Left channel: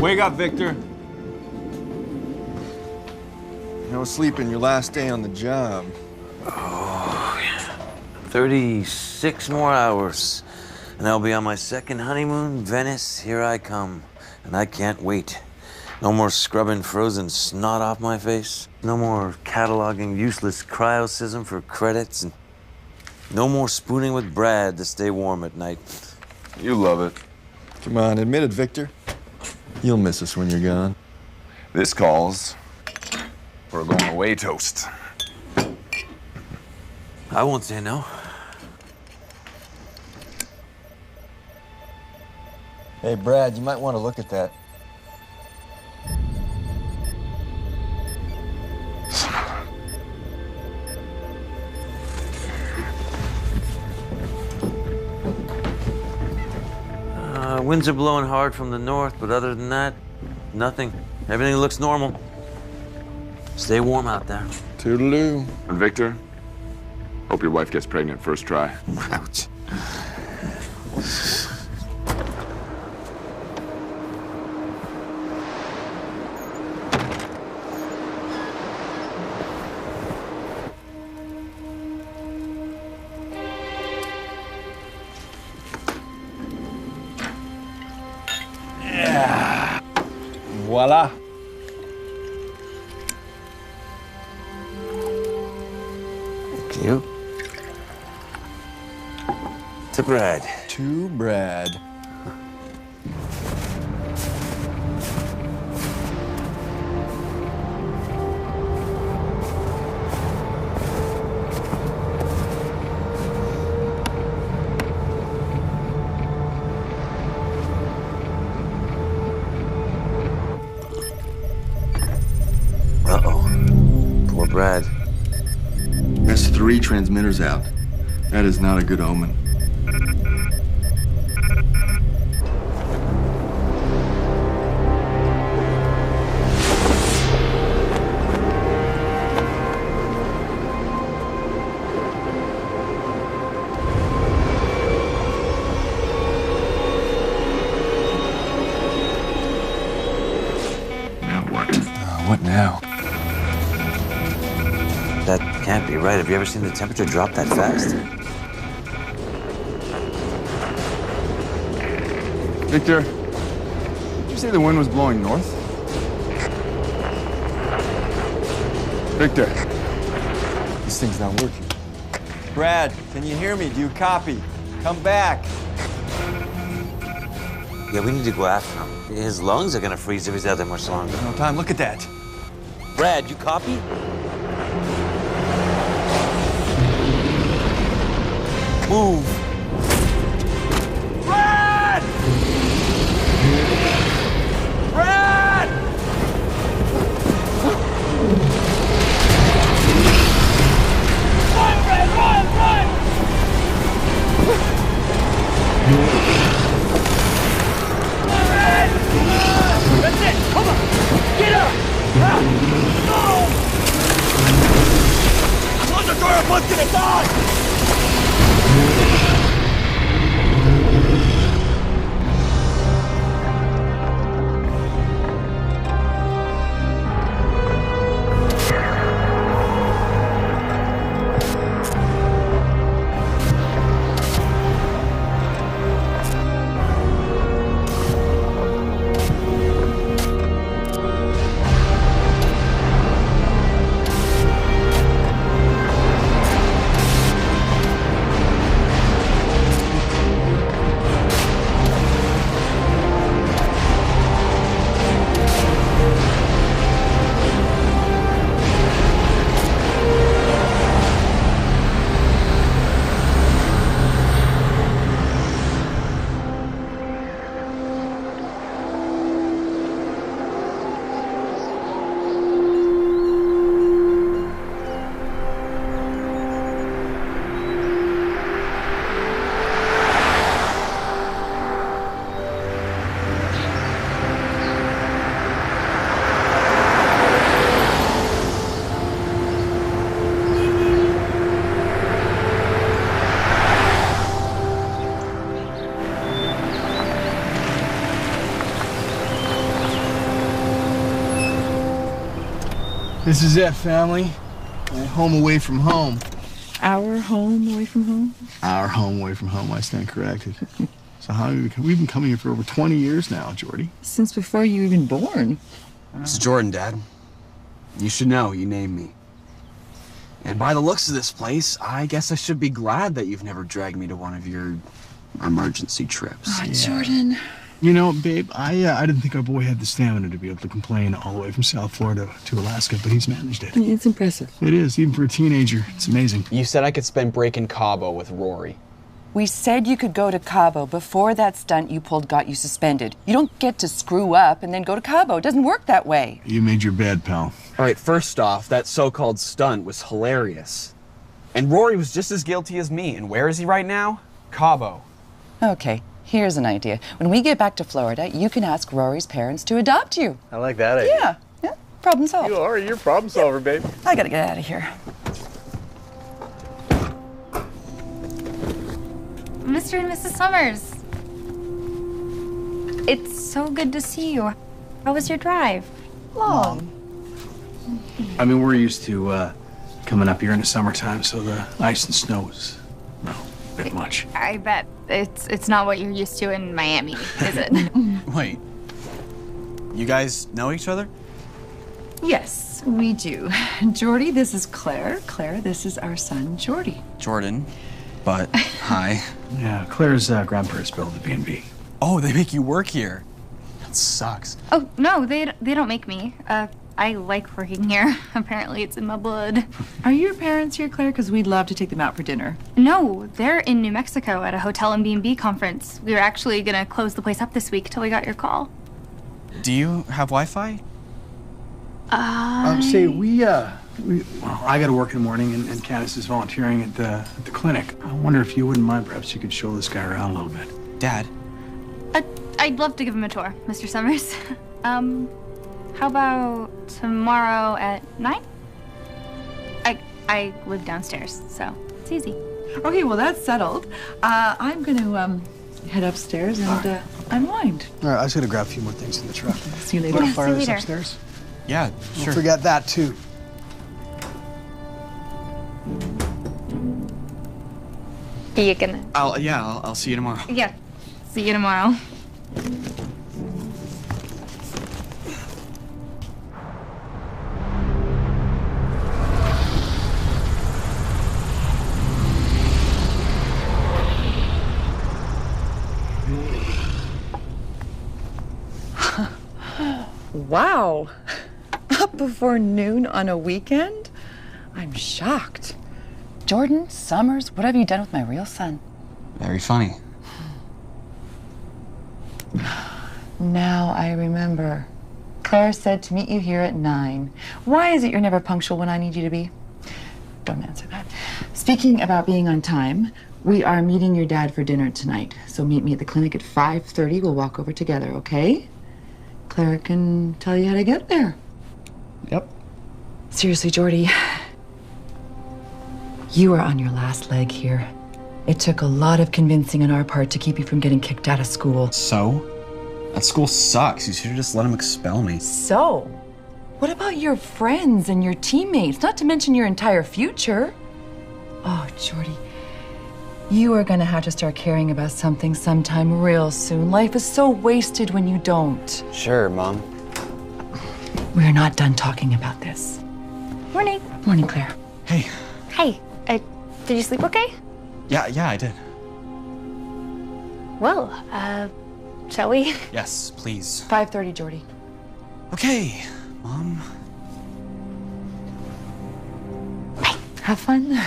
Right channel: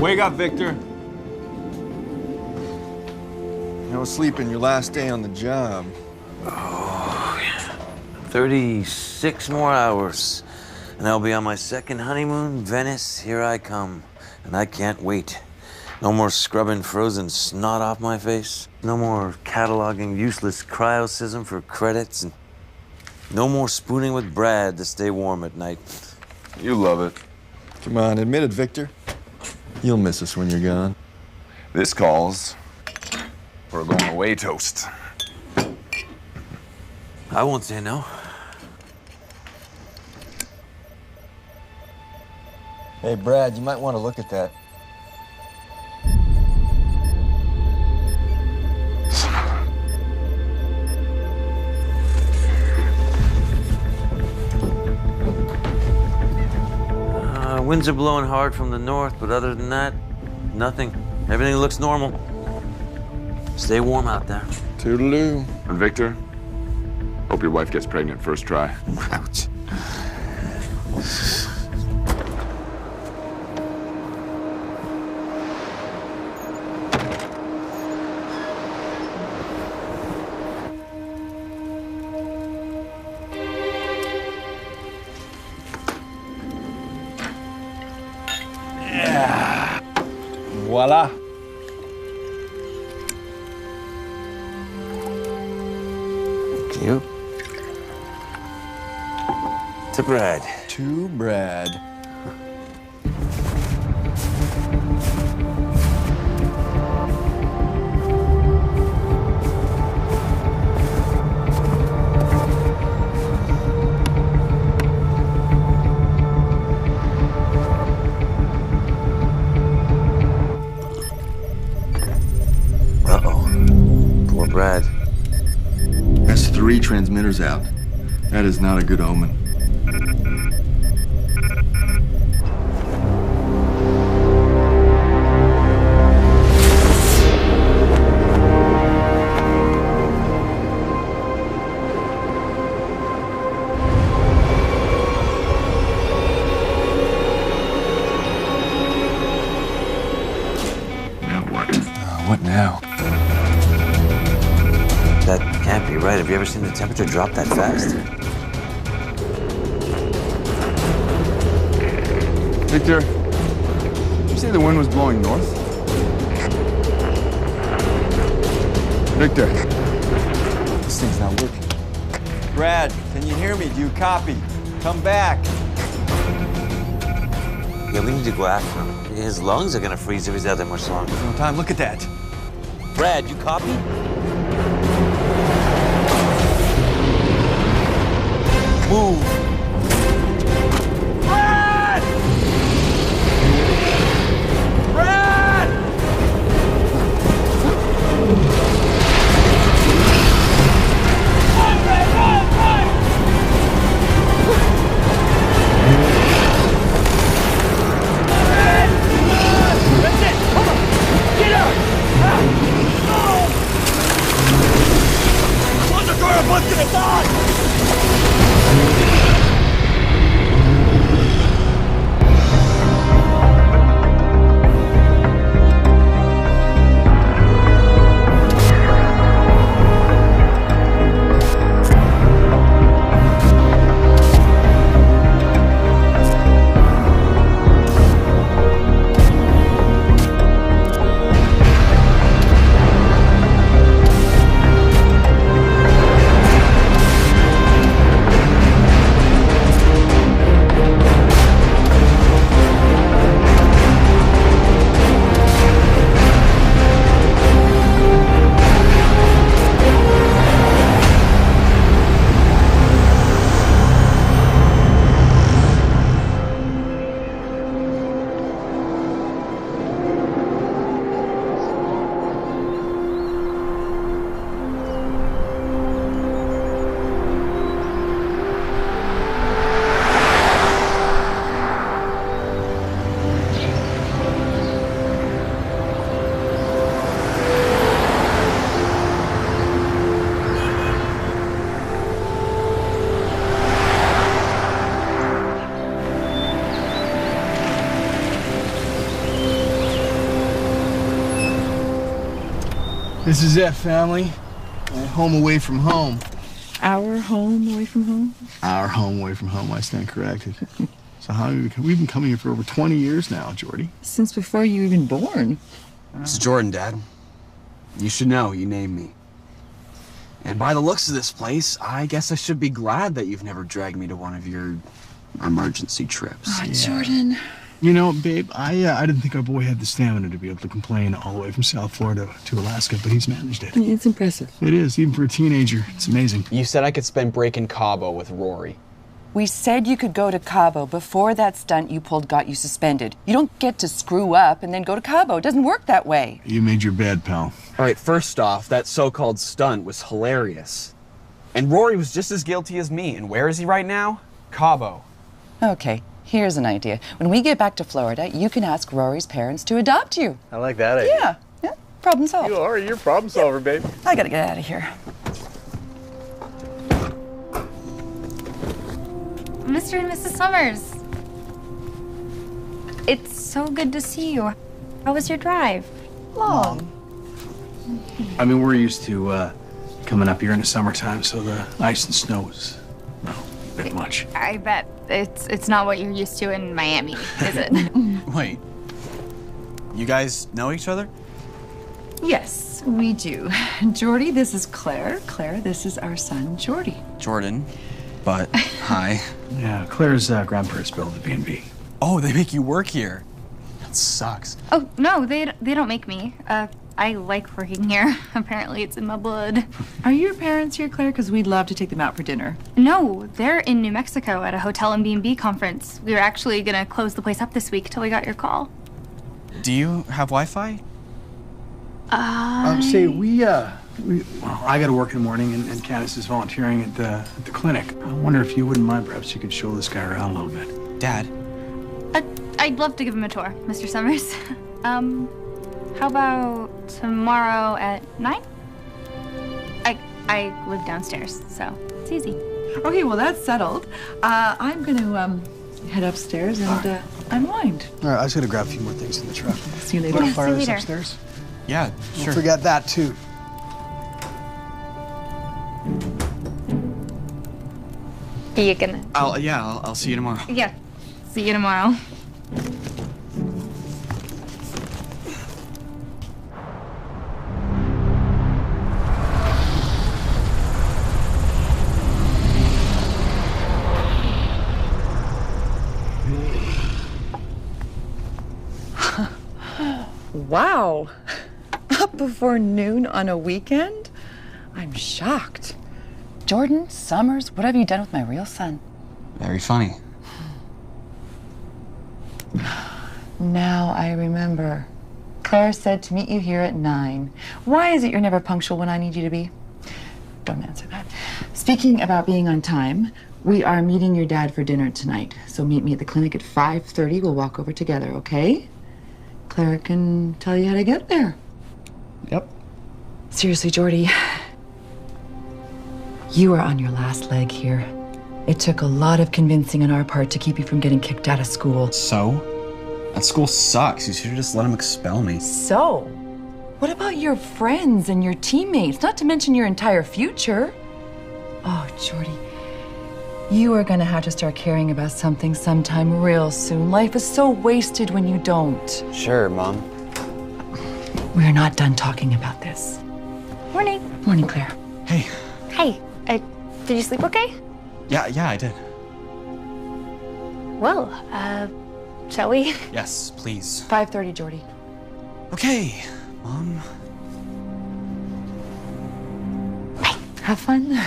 Wake up, Victor. No sleeping your last day on the job. Oh, 36 more hours. And I'll be on my second honeymoon, Venice, here I come. And I can't wait. No more scrubbing frozen snot off my face. No more cataloging useless cryocism for credits. And no more spooning with Brad to stay warm at night. You love it. Come on, admit it, Victor. You'll miss us when you're gone. This calls for a going away toast. I won't say no. Hey, Brad, you might want to look at that. Winds are blowing hard from the north, but other than that, nothing. Everything looks normal. Stay warm out there. Toodaloo. And Victor, hope your wife gets pregnant first try. Ouch. Voila. Cute. To Brad. To Brad. Poor Brad. That's 3 transmitters out. That is not a good omen. Now what? What now? That can't be right. Have you ever seen the temperature drop that fast? Victor, did you say the wind was blowing north? Victor. This thing's not working. Brad, can you hear me? Do you copy? Come back. Yeah, we need to go after him. His lungs are gonna freeze if he's out there much longer. There's no time. Look at that. Brad, you copy? Move! Brad! Brad! Run, Brad, run, run! Brad! That's it! Come on! Get up! No! Close the door or Buck's gonna die! This is it, family. Home away from home. Our home away from home? Our home away from home, I stand corrected. So how have we've been coming here for over 20 years now, Jordy. Since before you were even born. It's Jordan, Dad. You should know, you named me. And by the looks of this place, I guess I should be glad that you've never dragged me to one of your emergency trips. Oh, Jordan. You know, babe, I didn't think our boy had the stamina to be able to complain all the way from South Florida to Alaska, but he's managed it. It's impressive. It is, even for a teenager. It's amazing. You said I could spend break in Cabo with Rory. We said you could go to Cabo. Before that stunt you pulled got you suspended. You don't get to screw up and then go to Cabo. It doesn't work that way. You made your bed, pal. All right, first off, that so-called stunt was hilarious. And Rory was just as guilty as me. And where is he right now? Cabo. Okay, here's an idea. When we get back to Florida, you can ask Rory's parents to adopt you. I like that idea. Yeah, problem solved. You're a problem solver, babe. I gotta get out of here. Mr. and Mrs. Summers. It's so good to see you. How was your drive? Long. I mean, we're used to coming up here in the summertime, so the ice and snow is, no, a bit much. I bet it's not what you're used to in Miami, is it? Wait. You guys know each other? Yes, we do. Jordy, this is Claire. Claire, this is our son, Jordy. Jordan. But, hi. Yeah, Claire's grandparents built the B&B. Oh, they make you work here. That sucks. Oh, no, they don't make me. I like working here. Apparently it's in my blood. Are your parents here, Claire? Because we'd love to take them out for dinner. No, they're in New Mexico at a hotel and B&B conference. We were actually gonna close the place up this week till we got your call. Do you have Wi-Fi? Say, well, I got to work in the morning, and Candace is volunteering at the clinic. I wonder if you wouldn't mind, perhaps you could show this guy around a little bit. Dad. I'd love to give him a tour, Mr. Summers. How about tomorrow at 9? I live downstairs, so it's easy. Okay, well, that's settled. I'm going to head upstairs and unwind. All right, I was going to grab a few more things in the truck. See you later. Want to Yeah, fire see you this later. upstairs? Yeah, sure. Don't forget that, too. Are you gonna? I'll see you tomorrow. Yeah, see you tomorrow. Wow. Up before noon on a weekend? I'm shocked. Jordan Summers, what have you done with my real son? Very funny. Now I remember. Claire said to meet you here at 9. Why is it you're never punctual when I need you to be? Don't answer that. Speaking about being on time, we are meeting your dad for dinner tonight. So meet me at the clinic at 5:30. We'll walk over together, okay? Claire can tell you how to get there. Yep. Seriously, Jordy, you are on your last leg here. It took a lot of convincing on our part to keep you from getting kicked out of school. So? That school sucks. You should have just let him expel me. So, what about your friends and your teammates, not to mention your entire future? Oh, Jordy, you are gonna have to start caring about something sometime real soon. Life is so wasted when you don't. Sure, Mom. We're not done talking about this. Morning. Morning, Claire. Hey. Hey, did you sleep okay? Yeah, I did. Well, shall we? Yes, please. 5:30, Jordy. Okay, Mom. Have fun.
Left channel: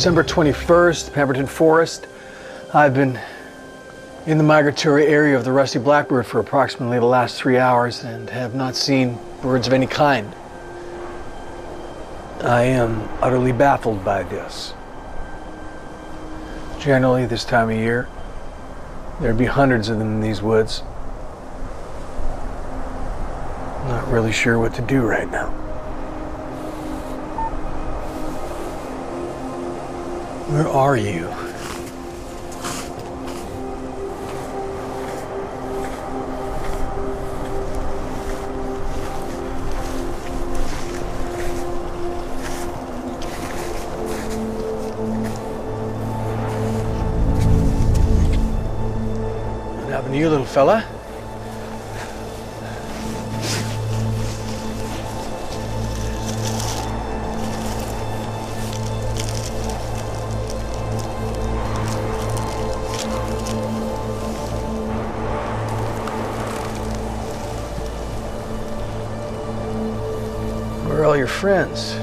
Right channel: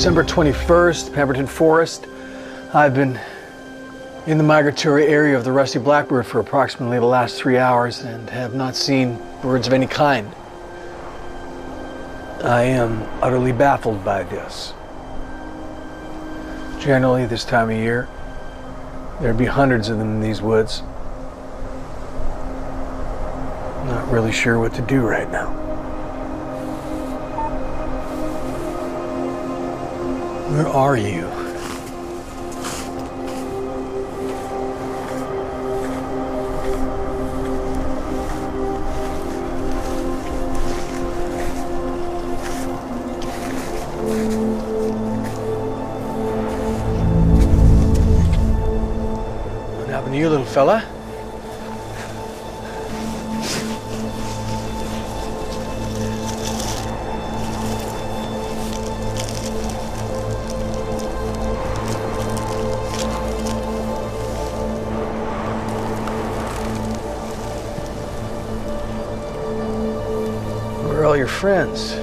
December 21st, Pemberton Forest. I've been in the migratory area of the rusty blackbird for approximately the last 3 hours and have not seen birds of any kind. I am utterly baffled by this. Generally, this time of year, there'd be hundreds of them in these woods. Not really sure what to do right now. Where are you? What happened to you, little fella? Where are all your friends?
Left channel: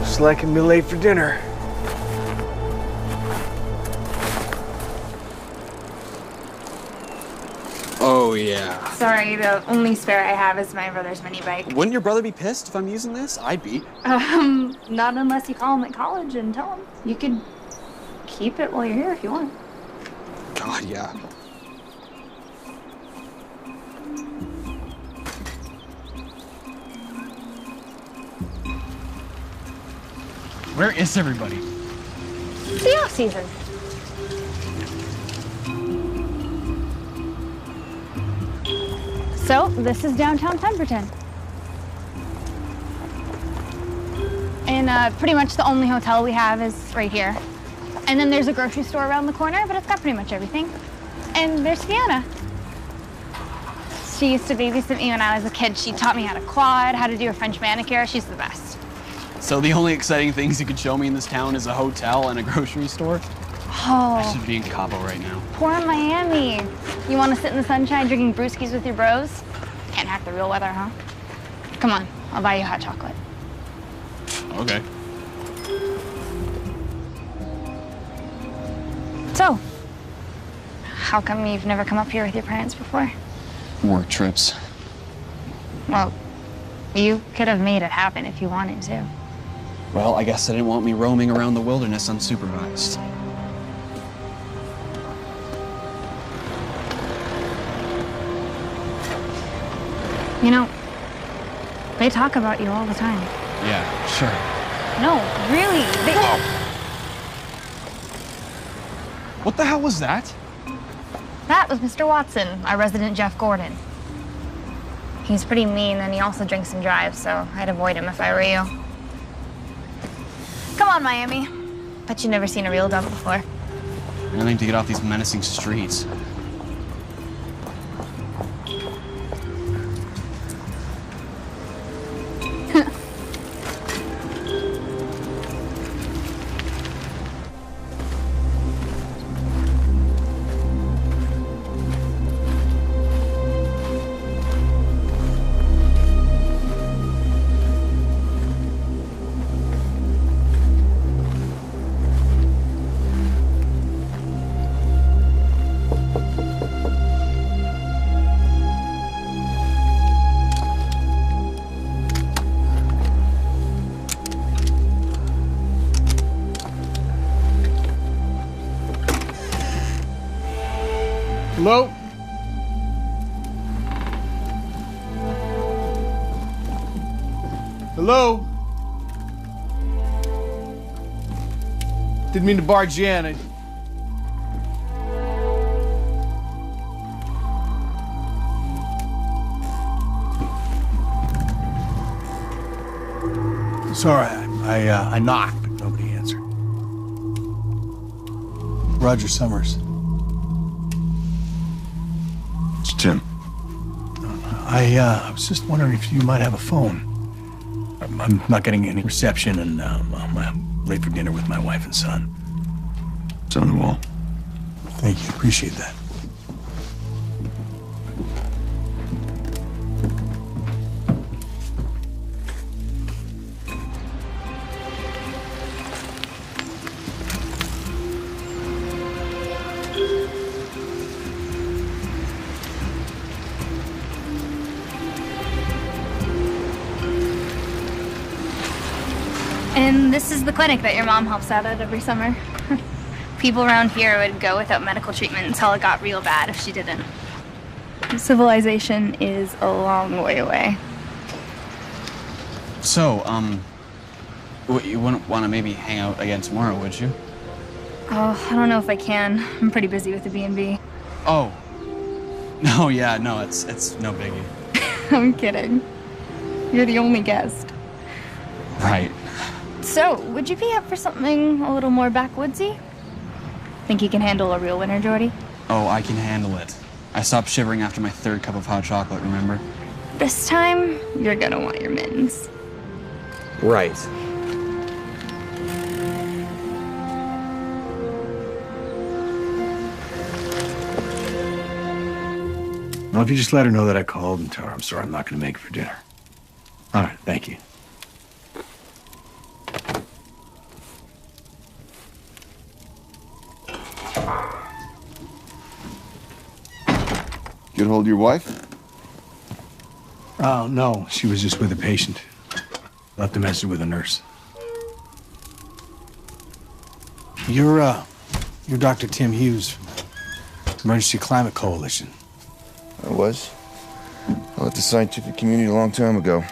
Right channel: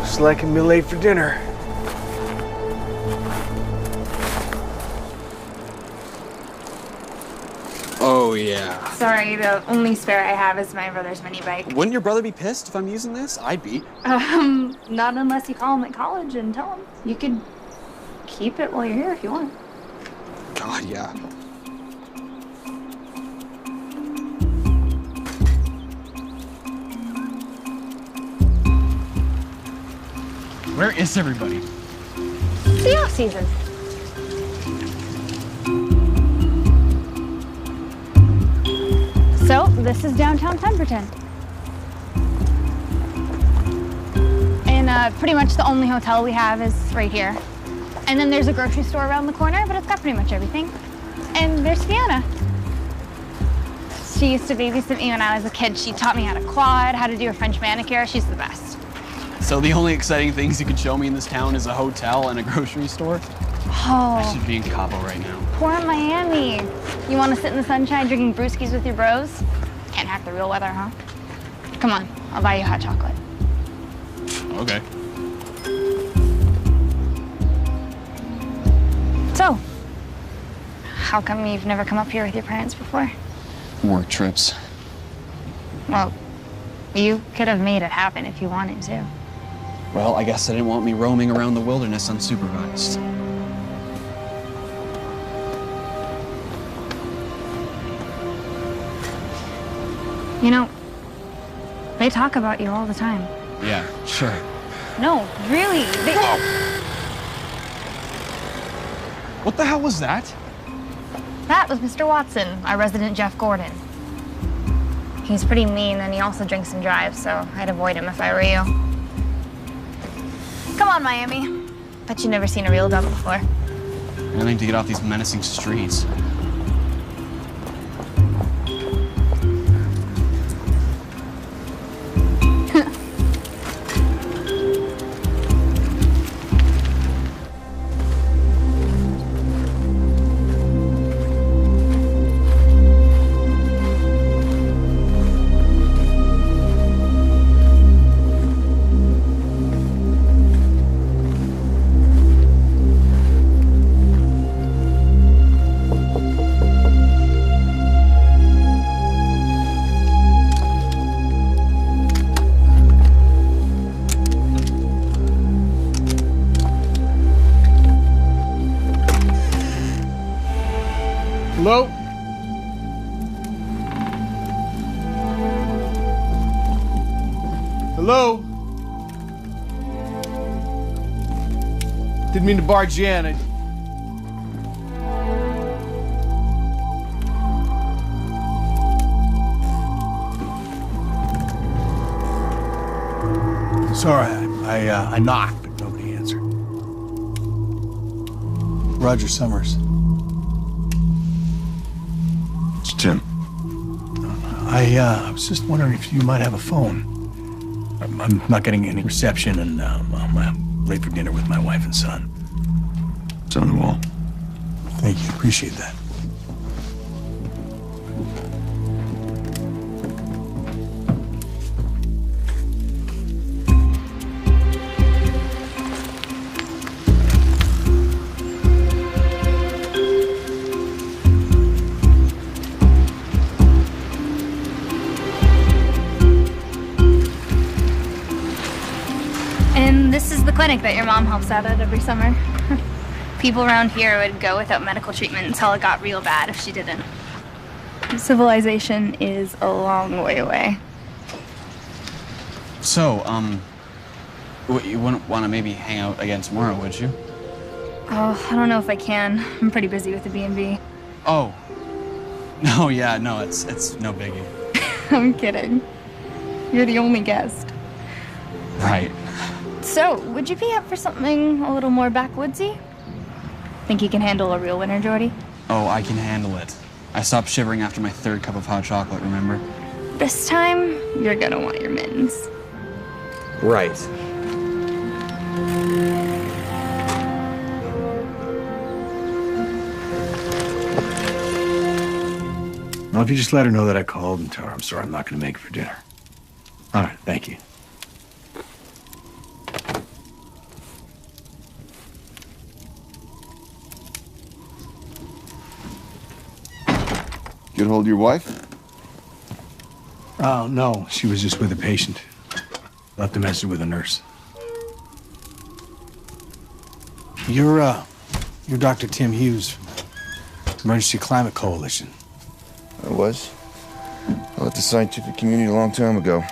Looks like I'm late for dinner. Oh, yeah. Sorry, the only spare I have is my brother's mini bike. Wouldn't your brother be pissed if I'm using this? I'd be. Not unless you call him at college and tell him. You could keep it while you're here if you want. God, yeah. Where is everybody? It's the off season. So, this is downtown Pemberton. And pretty much the only hotel we have is right here. And then there's a grocery store around the corner, but it's got pretty much everything. And there's Fiona. She used to babysit me when I was a kid. She taught me how to quad, how to do a French manicure. She's the best. So the only exciting things you could show me in this town is a hotel and a grocery store? Oh. I should be in Cabo right now. Poor Miami. You want to sit in the sunshine drinking brewskis with your bros? Can't hack the real weather, huh? Come on, I'll buy you hot chocolate. Okay. So, how come you've never come up here with your parents before? Work trips. Well, you could have made it happen if you wanted to. Well, I guess they didn't want me roaming around the wilderness unsupervised. You know, they talk about you all the time. Yeah, sure. No, really. What the hell was that? That was Mr. Watson, our resident Jeff Gordon. He's pretty mean, and he also drinks and drives, so I'd avoid him if I were you. Come on, Miami. Bet you've never seen a real dump before. Anything to get off these menacing streets. Hello? Hello? Didn't mean to barge you in. Sorry, I knocked, but nobody answered. Roger Summers. It's Tim. I was just wondering if you might have a phone. I'm not getting any reception, and I'm late for dinner with my wife and son. It's on the wall. Thank you. Appreciate that. And this is the clinic that your mom helps out at every summer. People around here would go without medical treatment until it got real bad if she didn't. Civilization is a long way away. So, you wouldn't want to maybe hang out again tomorrow, would you? Oh, I don't know if I can. I'm pretty busy with the B&B. Oh. No, yeah, no, it's no biggie. I'm kidding. You're the only guest. Right. So, would you be up for something a little more backwoodsy? Think you can handle a real winter, Jordy? Oh, I can handle it. I stopped shivering after my 3rd cup of hot chocolate, remember? This time, you're gonna want your mittens. Right. Well, if you just let her know that I called and tell her I'm sorry I'm not going to make it for dinner. All right, thank you. Get hold of your wife? Oh, no, she was just with a patient. Left a message with a nurse. You're Dr. Tim Hughes from the Emergency Climate Coalition. I was. I left the scientific community a long time ago.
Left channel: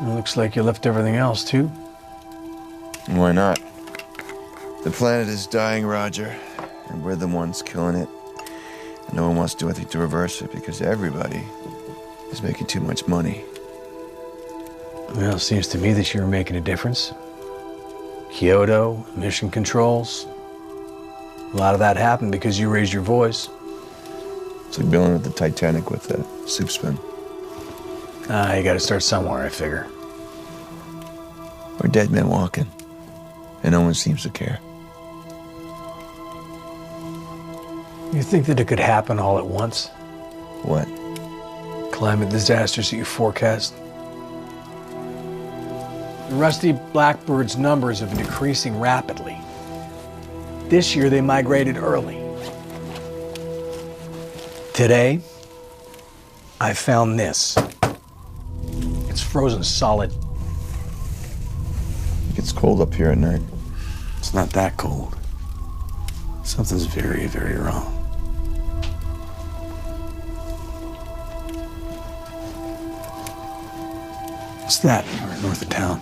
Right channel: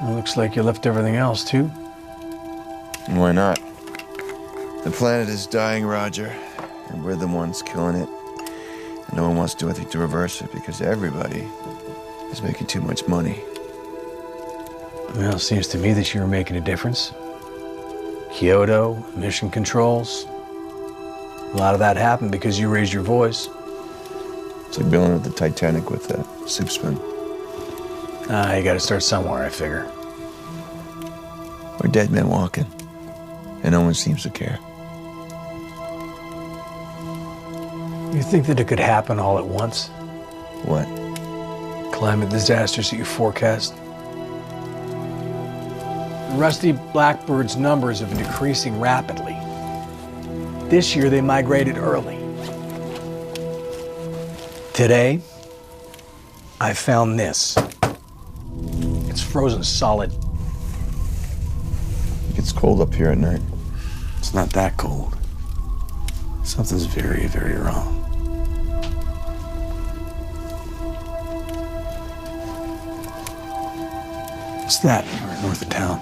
Well, looks like you left everything else, too. Why not? The planet is dying, Roger, and we're the ones killing it. And no one wants to do anything to reverse it because everybody is making too much money. Well, it seems to me that you were making a difference. Kyoto, emission controls. A lot of that happened because you raised your voice. It's like bailing at the Titanic with a soup spoon. You gotta start somewhere, I figure. We're dead men walking, and no one seems to care. You think that it could happen all at once? What? Climate disasters that you forecast? The rusty blackbird's numbers have been decreasing rapidly. This year they migrated early. Today, I found this. It's frozen solid. It gets cold up here at night. It's not that cold. Something's very, very wrong. What's that? We're north of town.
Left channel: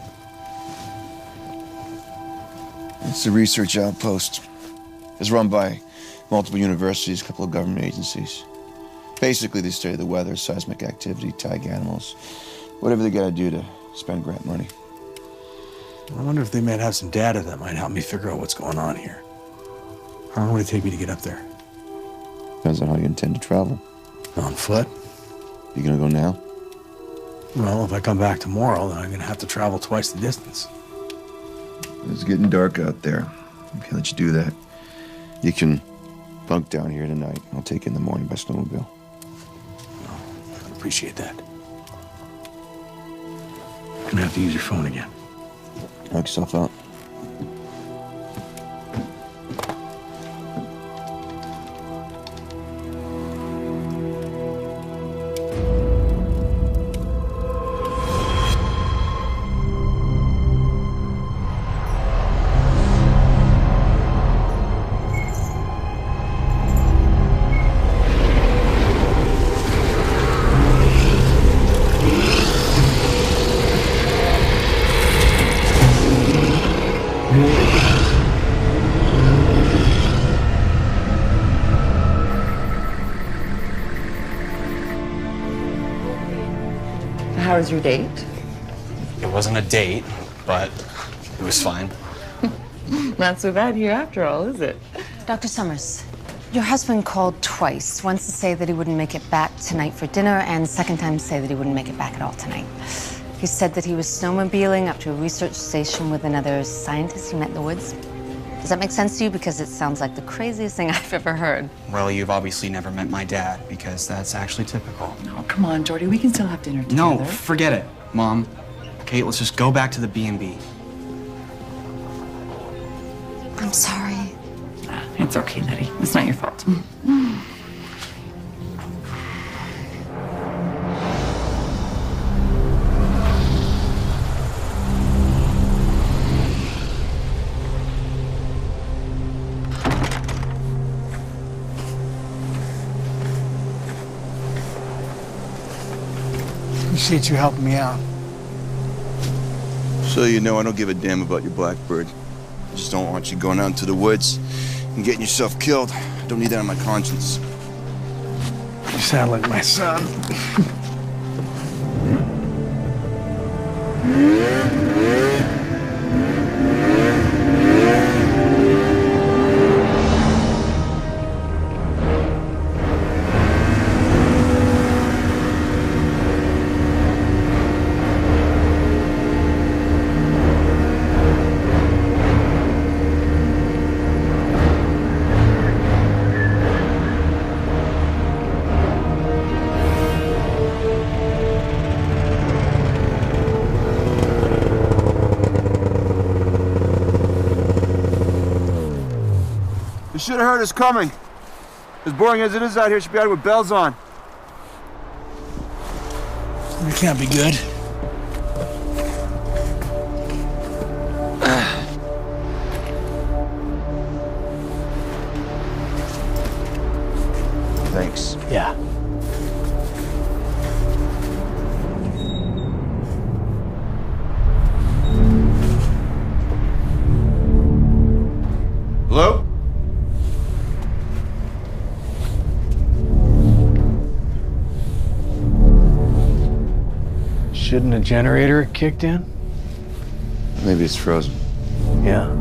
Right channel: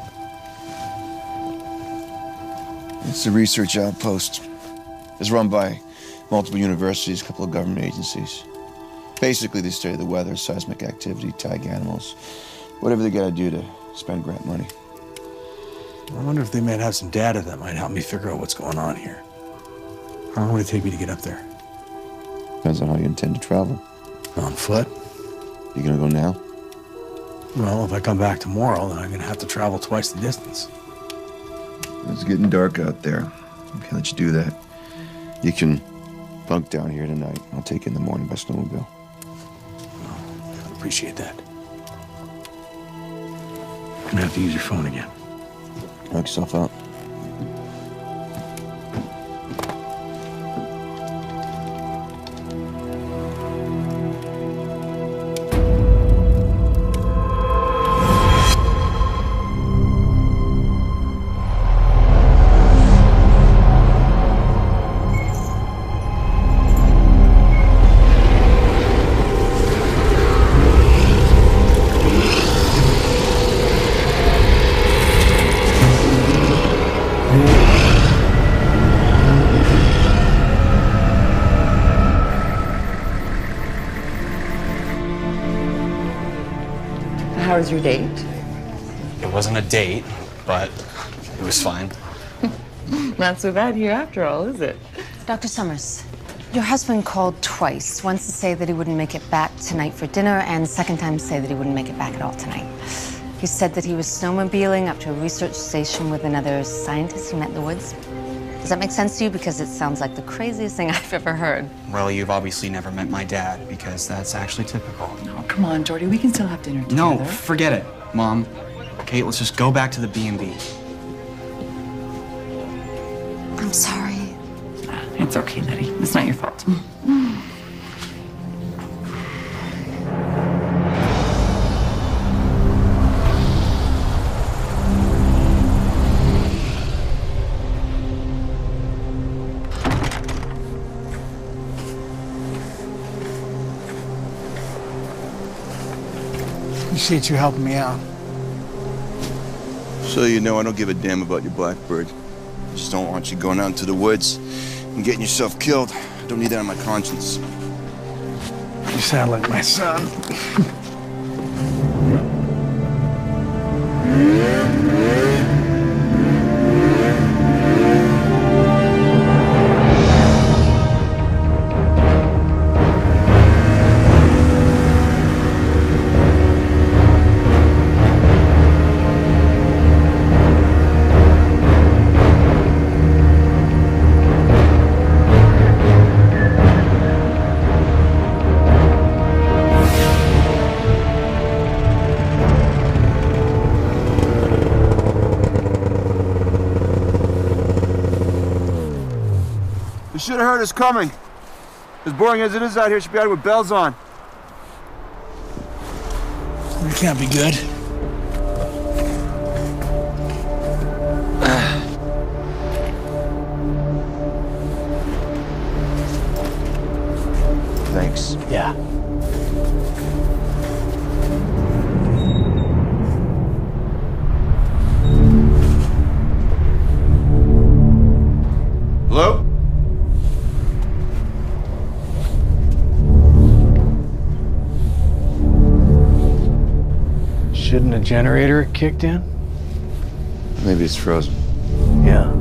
It's a research outpost. It's run by multiple universities, a couple of government agencies. Basically, they study the weather, seismic activity, tag animals, whatever they gotta do to spend grant money. I wonder if they might have some data that might help me figure out what's going on here. How long would it take me to get up there? Depends on how you intend to travel. On foot? You gonna go now? Well, if I come back tomorrow, then I'm gonna have to travel twice the distance. It's getting dark out there. I can't let you do that. You can bunk down here tonight. I'll take you in the morning by snowmobile. Oh, I appreciate that. I'm gonna have to use your phone again. Knock yourself out. How was your date? It wasn't a date, but it was fine. Not so bad here after all, is it? Dr. Summers, your husband called twice. Once to say that he wouldn't make it back tonight for dinner, and second time to say that he wouldn't make it back at all tonight. He said that he was snowmobiling up to a research station with another scientist he met in the woods. Does that make sense to you? Because it sounds like the craziest thing I've ever heard. Well, you've obviously never met my dad, because that's actually typical. Oh, come on, Jordy. We can still have dinner together. No, forget it, Mom. Kate, let's just go back to the B&B. I'm sorry. It's okay, Letty. It's not your fault. Appreciate you helping me out. So you know I don't give a damn about your blackbird. I just don't want you going out into the woods and getting yourself killed. I don't need that on my conscience. You sound like my son. You should have heard us coming. As boring as it is out here, should be out with bells on. It can't be good. Thanks. Yeah. Hello? Shouldn't a generator have kicked in? Maybe it's frozen. Yeah.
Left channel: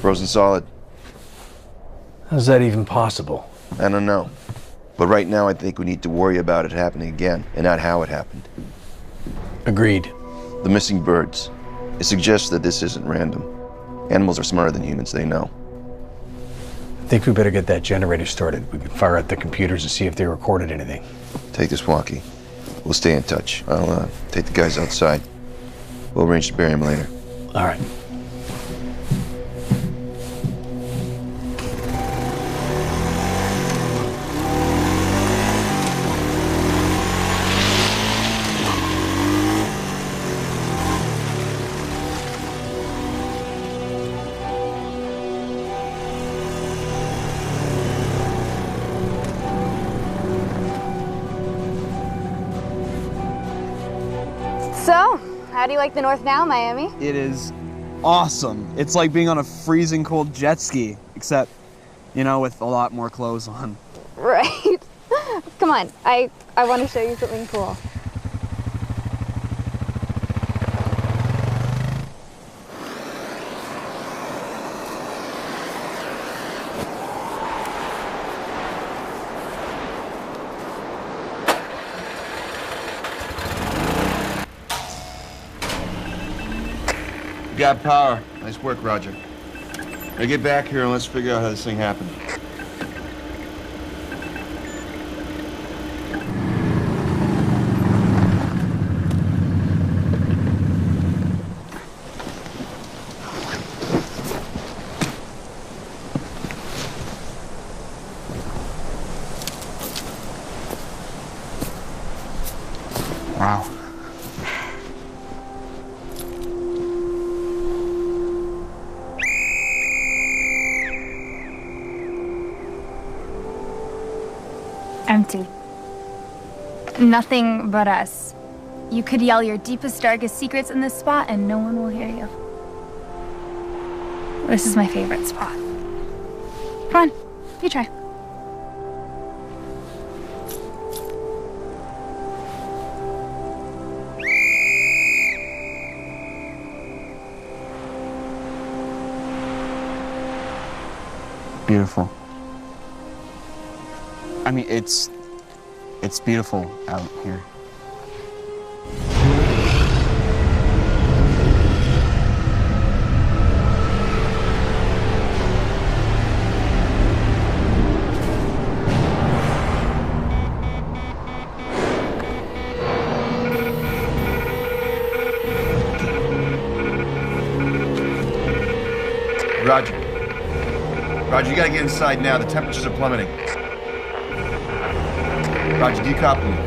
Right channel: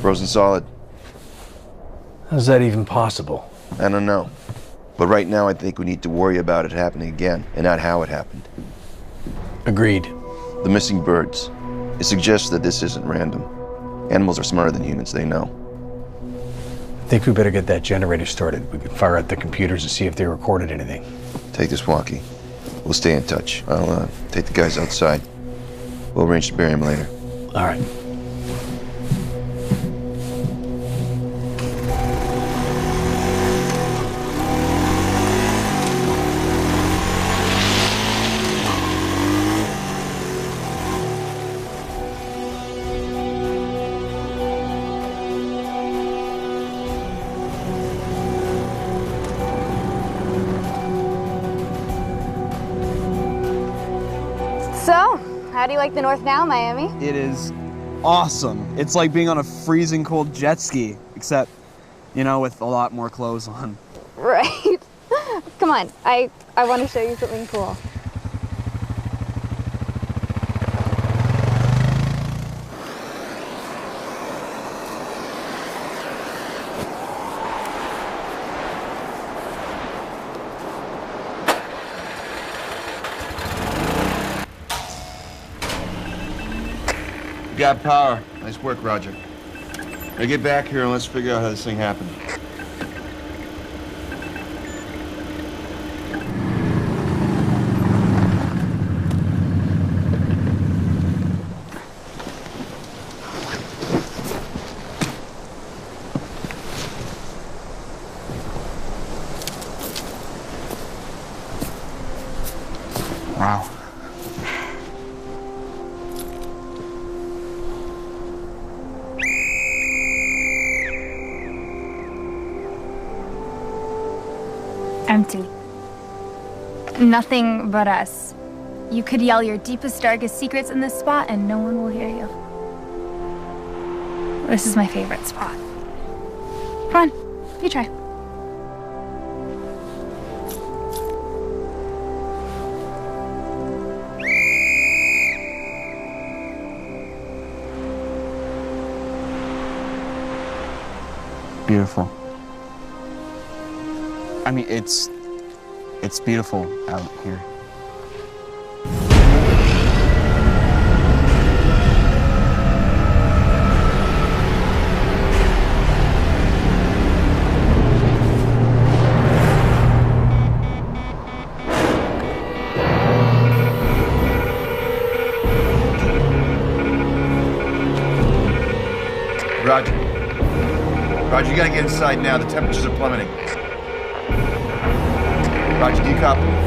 Frozen solid. How's that even possible? I don't know. But right now I think we need to worry about it happening again, and not how it happened. Agreed. The missing birds. It suggests that this isn't random. Animals are smarter than humans, they know. I think we better get that generator started. We can fire out the computers and see if they recorded anything. Take this walkie. We'll stay in touch. I'll take the guys outside. We'll arrange to bury him later. All right. So, how do you like the North now, Miami? It is awesome. It's like being on a freezing cold jet ski, except, you know, with a lot more clothes on. Right. Come on, I want to show you something cool. Got power. Nice work, Roger. Now get back here and let's figure out how this thing happened. Wow. Empty. Nothing but us. You could yell your deepest, darkest secrets in this spot and no one will hear you. This is my favorite spot. Come on, you try. Beautiful. I mean, it's beautiful out here. Roger. Roger, you gotta get inside now. The temperatures are plummeting. Roger, do you copy me?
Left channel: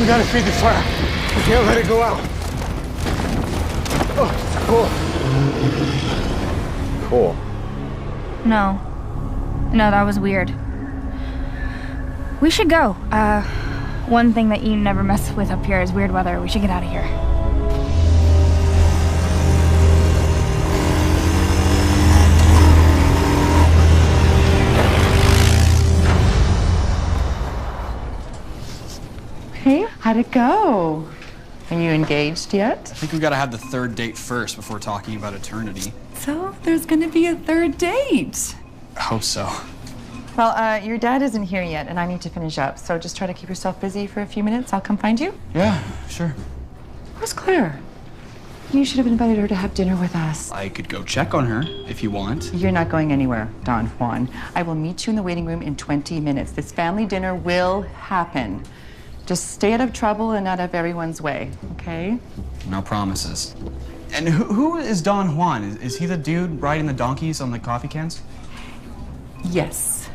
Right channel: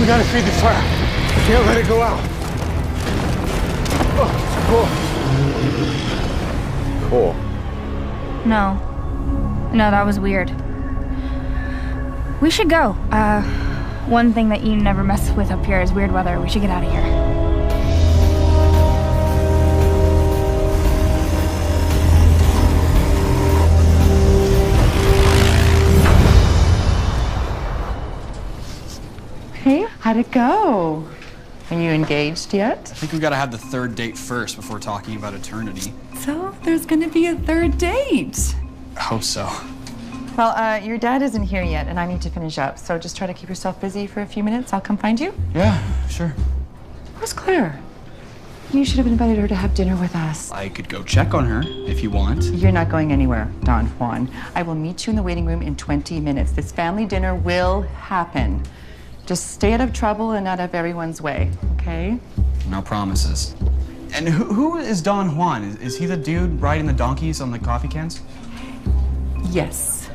We gotta feed the fire. We can't let it go out. Oh, cool. Cool. No, that was weird. We should go. One thing that you never mess with up here is weird weather. We should get out of here. Hey, how'd it go? Are you engaged yet? I think we gotta have the third date first before talking about eternity. So there's gonna be a third date. I hope so. Well, your dad isn't here yet, and I need to finish up. So just try to keep yourself busy for a few minutes. I'll come find you. Yeah, sure. Where's Claire? You should have invited her to have dinner with us. I could go check on her if you want. You're not going anywhere, Don Juan. I will meet you in the waiting room in 20 minutes. This family dinner will happen. Just stay out of trouble and out of everyone's way, okay? No promises. And who is Don Juan? Is he the dude riding the donkeys on the coffee cans? Yes.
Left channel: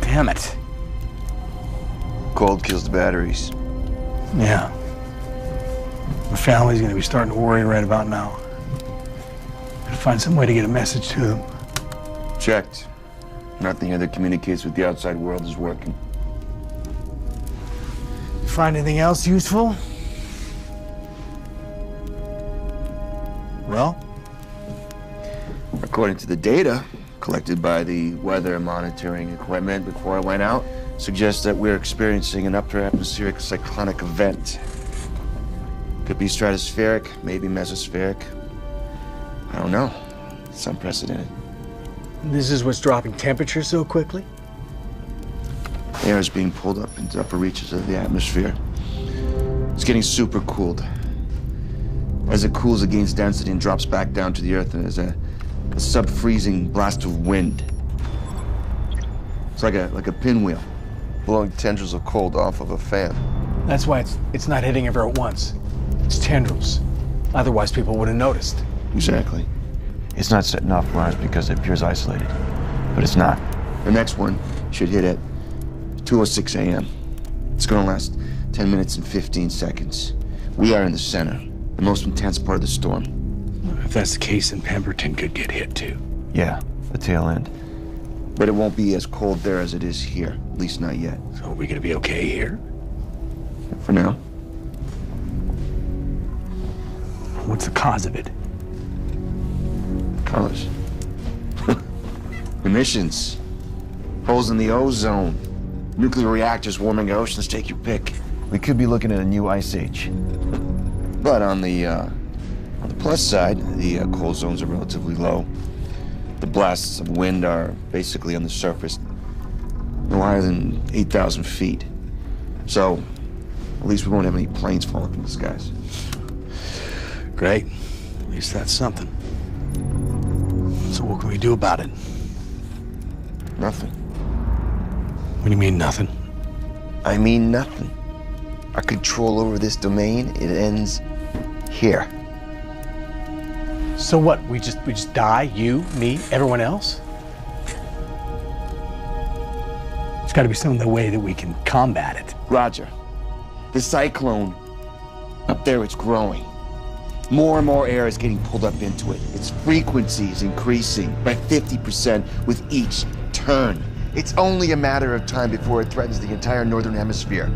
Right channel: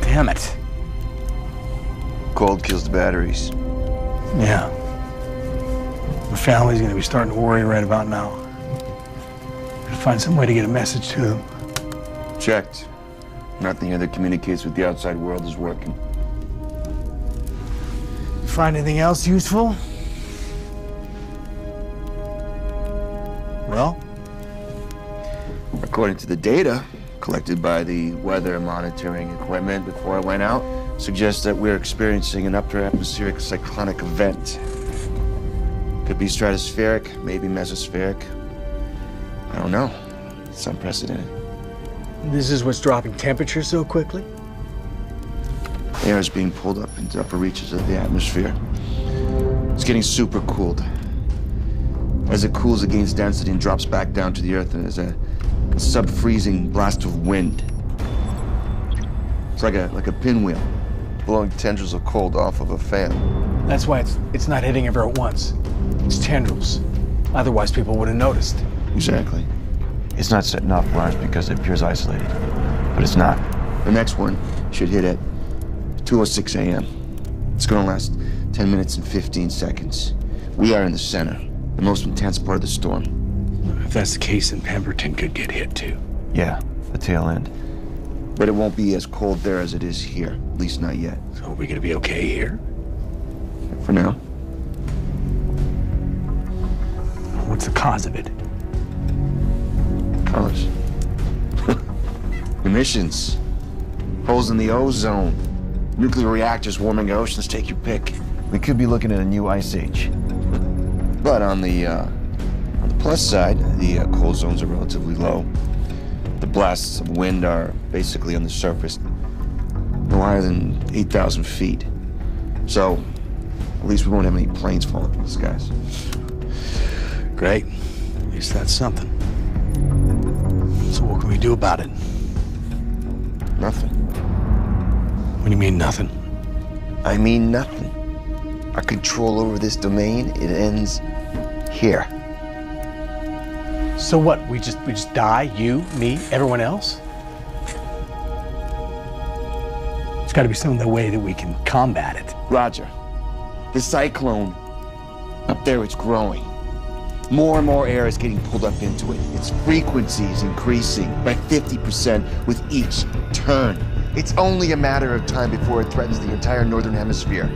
Damn it. Cold kills the batteries. Yeah. The family's gonna be starting to worry right about now. Gotta find some way to get a message to them. Checked. Nothing here that communicates with the outside world is working. You find anything else useful? Well? According to the data collected by the weather monitoring equipment before I went out, suggests that we're experiencing an upper atmospheric cyclonic event. Could be stratospheric, maybe mesospheric. I don't know. It's unprecedented. This is what's dropping temperatures so quickly? Air is being pulled up into upper reaches of the atmosphere. It's getting super cooled. As it cools, it gains density and drops back down to the earth, and there's a sub-freezing blast of wind. It's like a pinwheel, blowing tendrils of cold off of a fan. That's why it's not hitting ever at once. It's tendrils. Otherwise, people would have noticed. Exactly. It's not setting off alarms because it appears isolated, but it's not. The next one should hit at 2:06 a.m. It's gonna last 10 minutes and 15 seconds. We are in the center, the most intense part of the storm. If that's the case, then Pemberton could get hit too. Yeah, the tail end. But it won't be as cold there as it is here, at least not yet. So are we gonna be okay here? For now. What's the cause of it? Cause? Emissions. Holes in the ozone. Nuclear reactors warming oceans, take your pick. We could be looking at a new ice age. But on the On the plus side, the cold zones are relatively low. The blasts of wind are basically on the surface, no higher than 8,000 feet. So, at least we won't have any planes falling from the skies. Great. At least that's something. So what can we do about it? Nothing. What do you mean, nothing? I mean nothing. Our control over this domain, it ends here. So what? We just die? You, me, everyone else? There's got to be some way that we can combat it. Roger. The cyclone, up there, it's growing. More and more air is getting pulled up into it. Its frequency is increasing by 50% with each turn. It's only a matter of time before it threatens the entire northern hemisphere.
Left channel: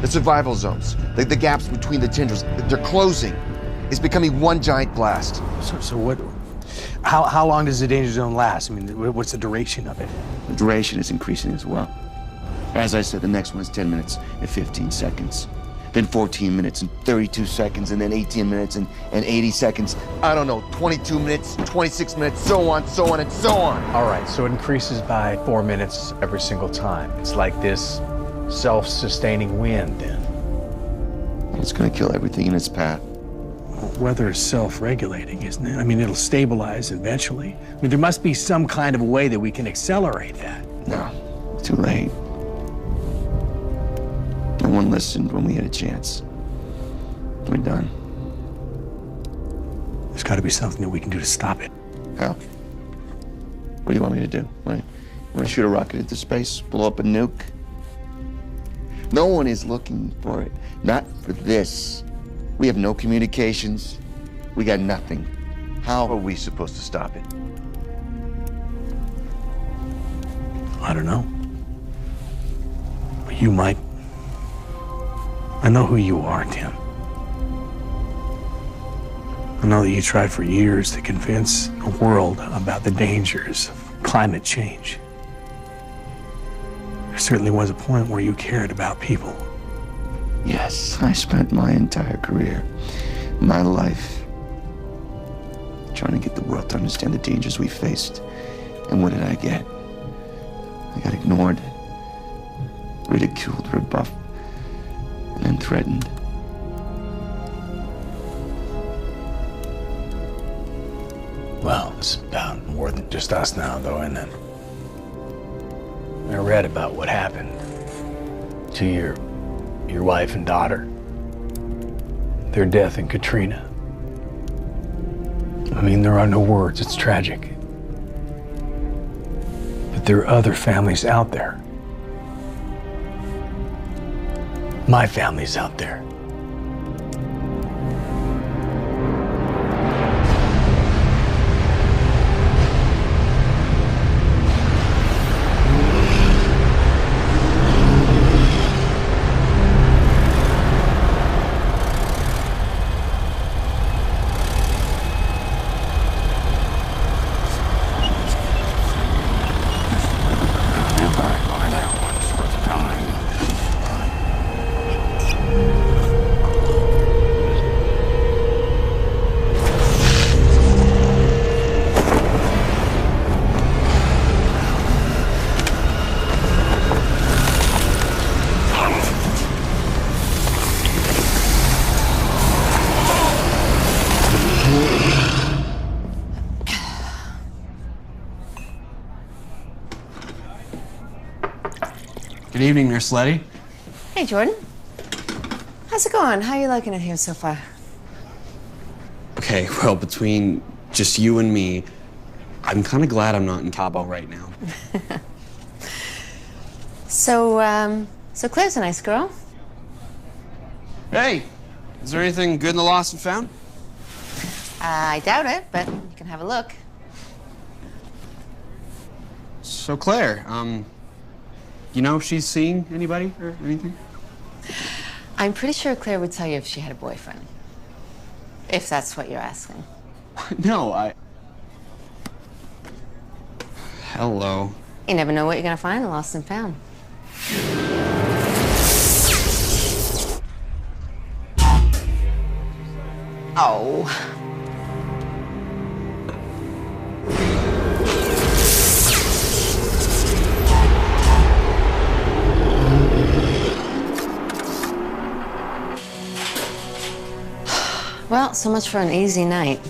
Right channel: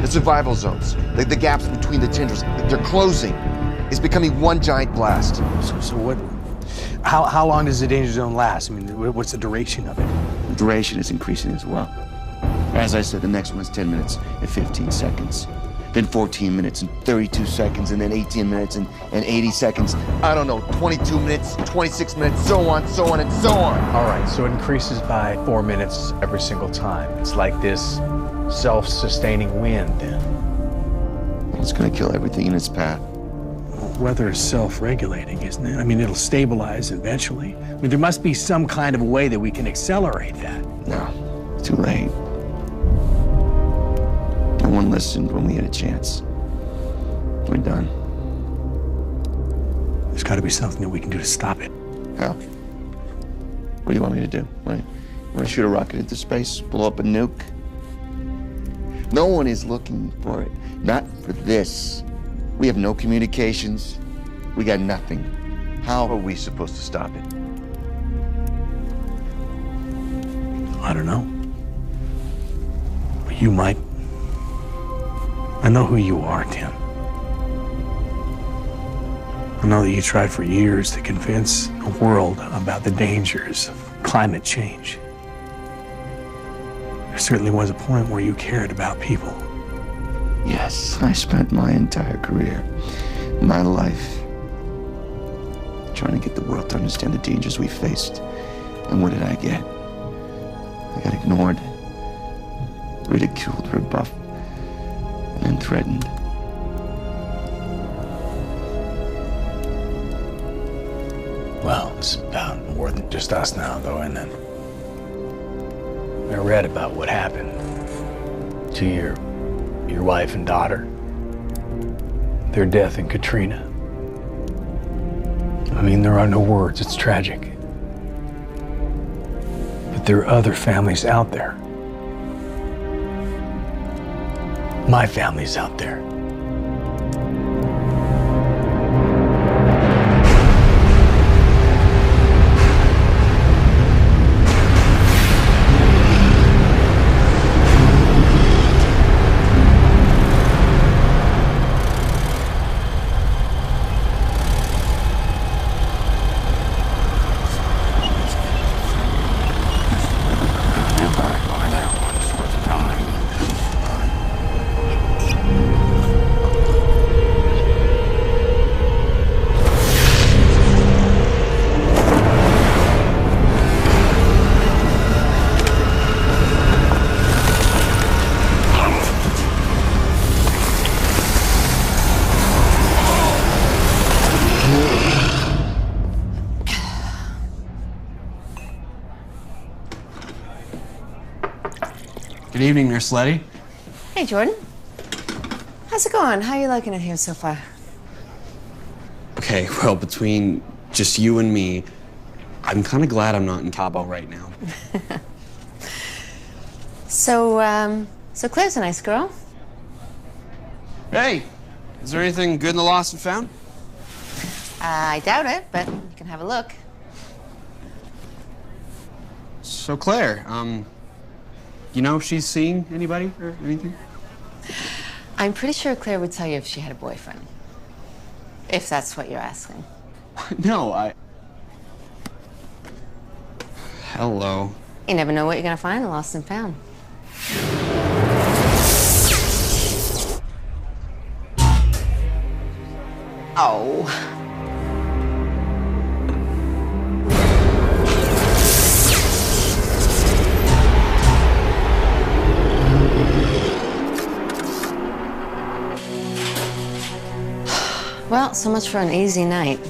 The survival zones, the gaps between the tendrils, they're closing. It's becoming one giant blast. So what? How long does the danger zone last? I mean, what's the duration of it? The duration is increasing as well. As I said, the next one is 10 minutes and 15 seconds. Then 14 minutes and 32 seconds, and then 18 minutes and 80 seconds. I don't know, 22 minutes, 26 minutes, so on, and so on. All right, so it increases by 4 minutes every single time. It's like this self-sustaining wind, then. It's gonna kill everything in its path. Weather is self-regulating, isn't it? I mean, it'll stabilize eventually. I mean, there must be some kind of a way that we can accelerate that. No, it's too late. No one listened when we had a chance. We're done. There's got to be something that we can do to stop it. How? What do you want me to do? Want to shoot a rocket into space? Blow up a nuke? No one is looking for it. Not for this. We have no communications. We got nothing. How are we supposed to stop it? I don't know. But you might. I know who you are, Tim. I know that you tried for years to convince the world about the dangers of climate change. There certainly was a point where you cared about people. Yes, I spent my entire career, my life, trying to get the world to understand the dangers we faced. And what did I get? I got ignored, ridiculed, rebuffed, and then threatened. Well, it's about more than just us now, though, isn't it? I read about what happened to your wife and daughter, their death in Katrina. I mean, there are no words. It's tragic. But there are other families out there. My family's out there. Good evening, Nurse Letty. Hey, Jordan. How's it going? How are you liking it here so far? Okay, well, between just you and me, I'm kind of glad I'm not in Cabo right now. So Claire's a nice girl. Hey, is there anything good in the lost and found? I doubt it, but you can have a look. So Claire, you know if she's seeing anybody or anything? I'm pretty sure Claire would tell you if she had a boyfriend. If that's what you're asking. No, Hello. You never know what you're gonna find in Lost and Found. Oh. Well, so much for an easy night.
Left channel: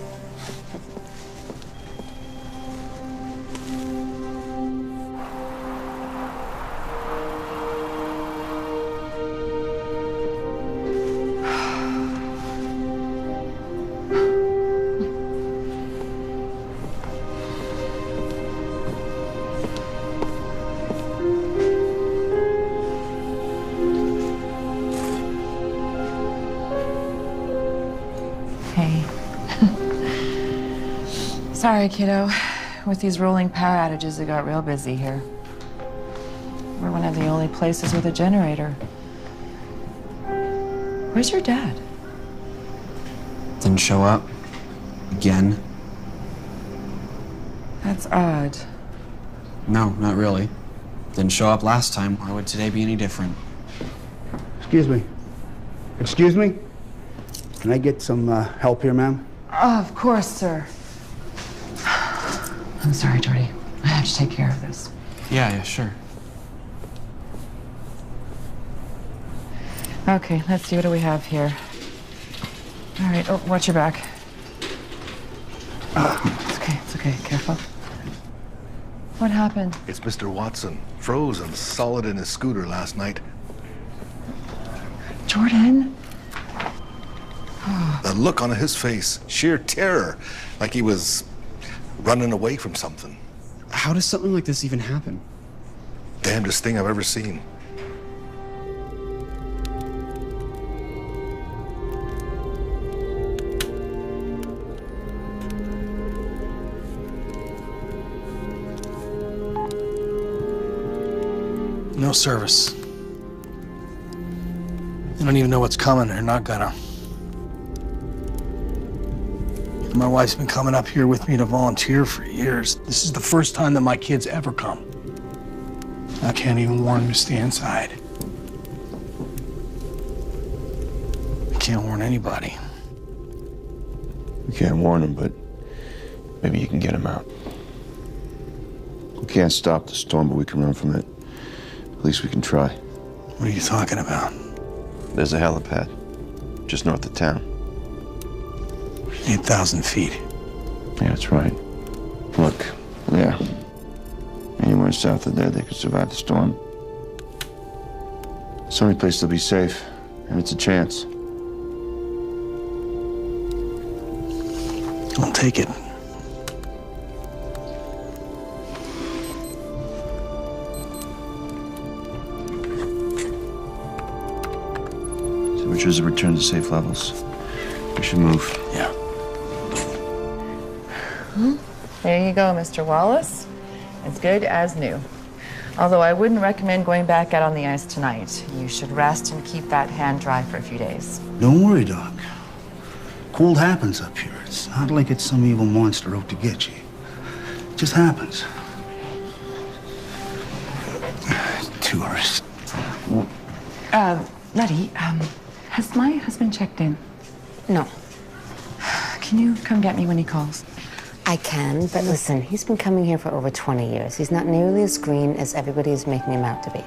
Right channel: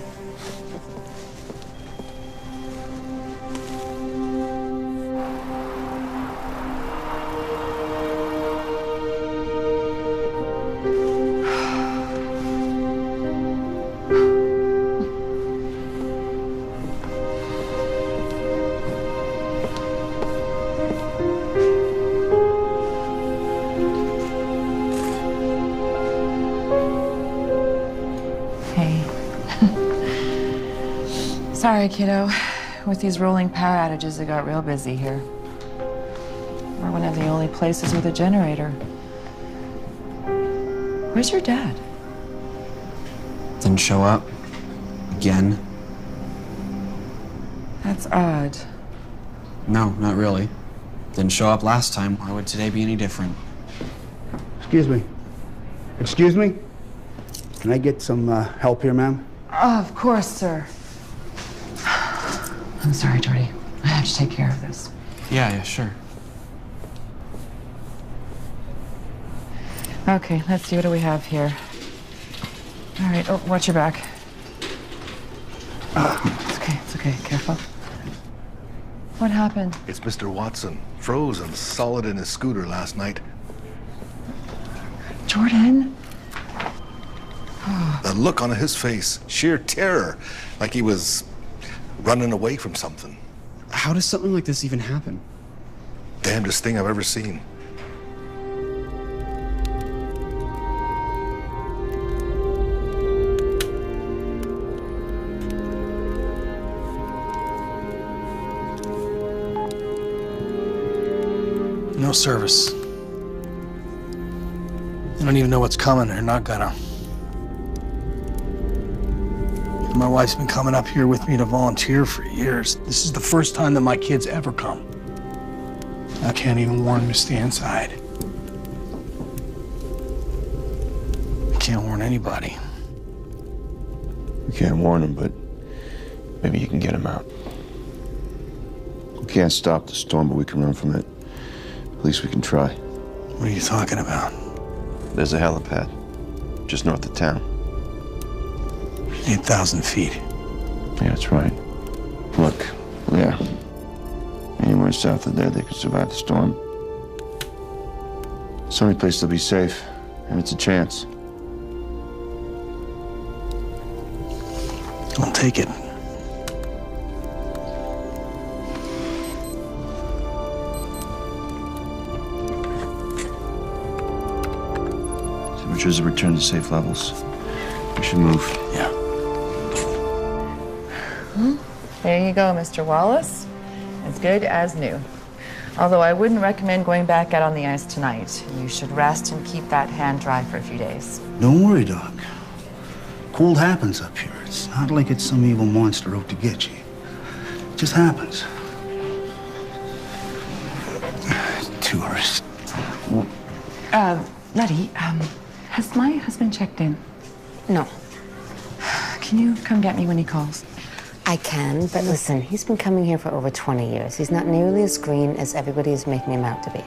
Hey. Sorry, kiddo. With these rolling power outages, it got real busy here. We're one of the only places with a generator. Where's your dad? Didn't show up. Again. That's odd. No, not really. Didn't show up last time. Why would today be any different? Excuse me. Excuse me? Can I get some help here, ma'am? Oh, of course, sir. I'm sorry, Jordy. I have to take care of this. Yeah, sure. Okay, let's see. What do we have here? All right. Oh, watch your back. It's okay. It's okay. Careful. What happened? It's Mr. Watson, frozen solid in his scooter last night. Jordan? The look on his face, sheer terror, like he was running away from something. How does something like this even happen? Damnedest thing I've ever seen. No service. I don't even know what's coming. They're not gonna. My wife's been coming up here with me to volunteer for years. This is the first time that my kids ever come. I can't even warn them to stay inside. I can't warn anybody. We can't warn them, but maybe you can get them out. We can't stop the storm, but we can run from it. At least we can try. What are you talking about? There's a helipad just north of town. 8,000 feet. Yeah, that's right. Look, yeah. Anywhere south of there, they could survive the storm. It's the only place they'll be safe, and it's a chance. I'll take it. Temperatures have returned to safe levels. We should move. Yeah. There you go, Mr. Wallace. As good as new. Although I wouldn't recommend going back out on the ice tonight. You should rest and keep that hand dry for a few days. Don't worry, Doc. Cold happens up here. It's not like it's some evil monster out to get you. It just happens. Tourist. Letty, has my husband checked in? No. Can you come get me when he calls? I can, but listen, he's been coming here for over 20 years. He's not nearly as green as everybody is making him out to be.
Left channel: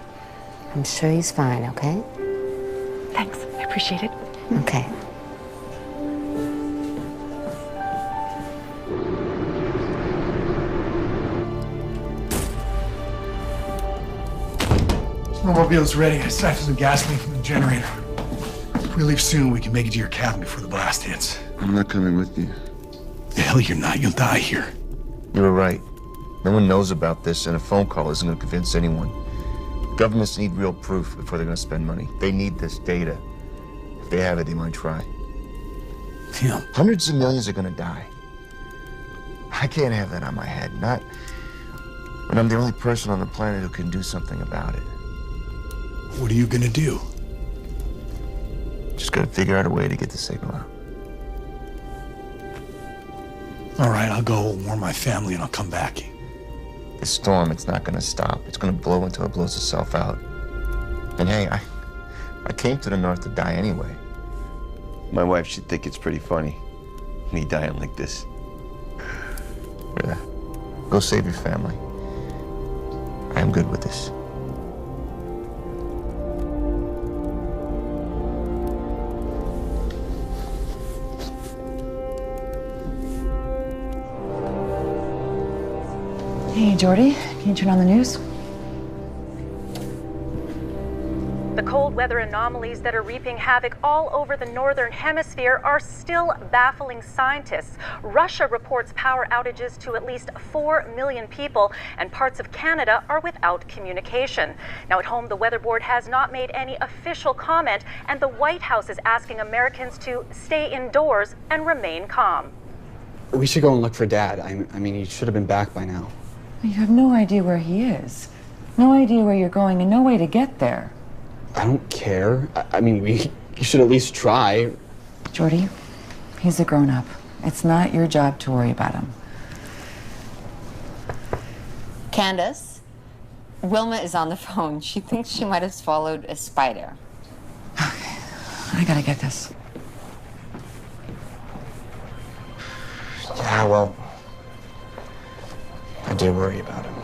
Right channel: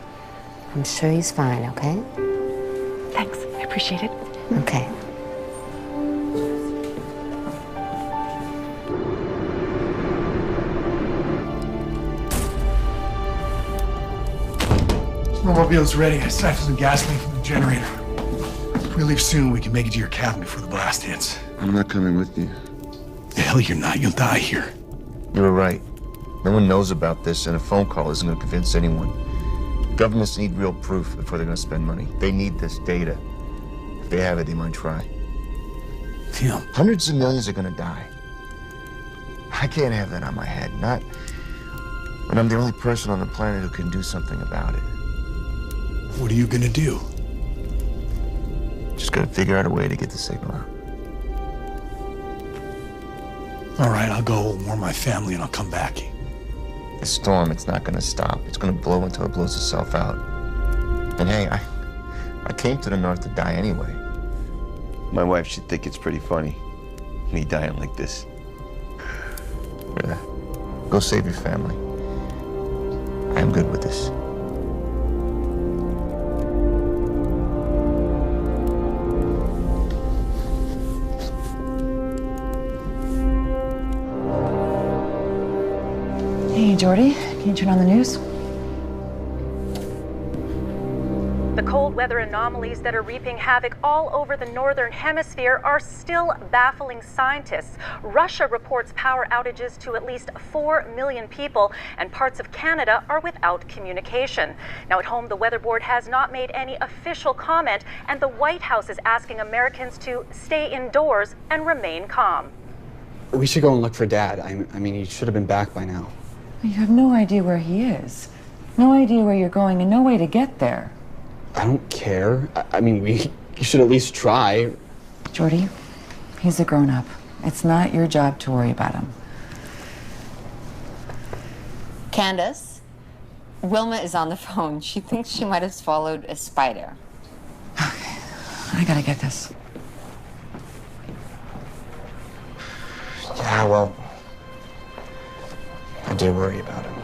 I'm sure he's fine, okay? Thanks. I appreciate it. Okay. Snowmobile's ready. I siphoned some gasoline from the generator. If we leave soon, we can make it to your cabin before the blast hits. I'm not coming with you. The hell you're not. You'll die here. You were right. No one knows about this, and a phone call isn't going to convince anyone. Governments need real proof before they're going to spend money. They need this data. If they have it, they might try. Phim. Hundreds of millions are going to die. I can't have that on my head. Not when I'm the only person on the planet who can do something about it. What are you going to do? Just got to figure out a way to get the signal out. All right, I'll go warn my family and I'll come back. The storm, it's not going to stop. It's going to blow until it blows itself out. And hey, I came to the north to die anyway. My wife should think it's pretty funny, me dying like this. Yeah. Go save your family. I'm good with this. Hey, Jordy, can you turn on the news? The cold weather anomalies that are reaping havoc all over the northern hemisphere are still baffling scientists. Russia reports power outages to at least 4 million people, and parts of Canada are without communication. Now, at home, the Weather Board has not made any official comment, and the White House is asking Americans to stay indoors and remain calm. We should go and look for Dad. I mean, he should have been back by now. You have no idea where he is. No idea where you're going and no way to get there. I don't care. I mean, you should at least try. Jordy, he's a grown-up. It's not your job to worry about him. Candace, Wilma is on the phone. She thinks she might have swallowed a spider. Okay, I gotta get this. Yeah, well, I do worry about him.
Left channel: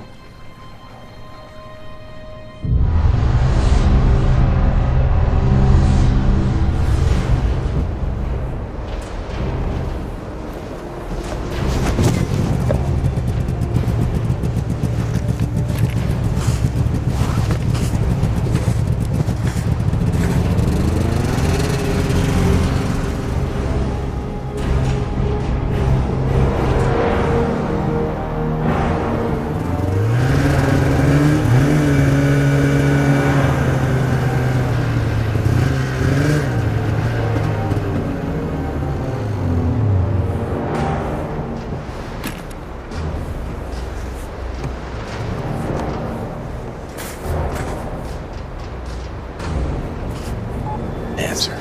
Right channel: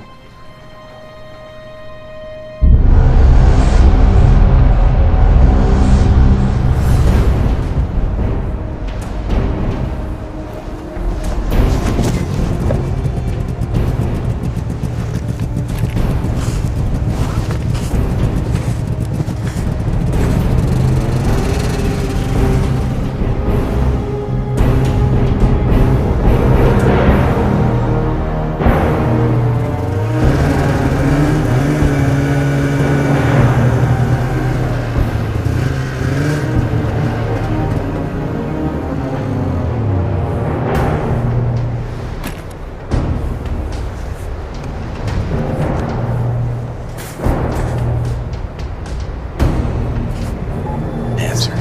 Answer.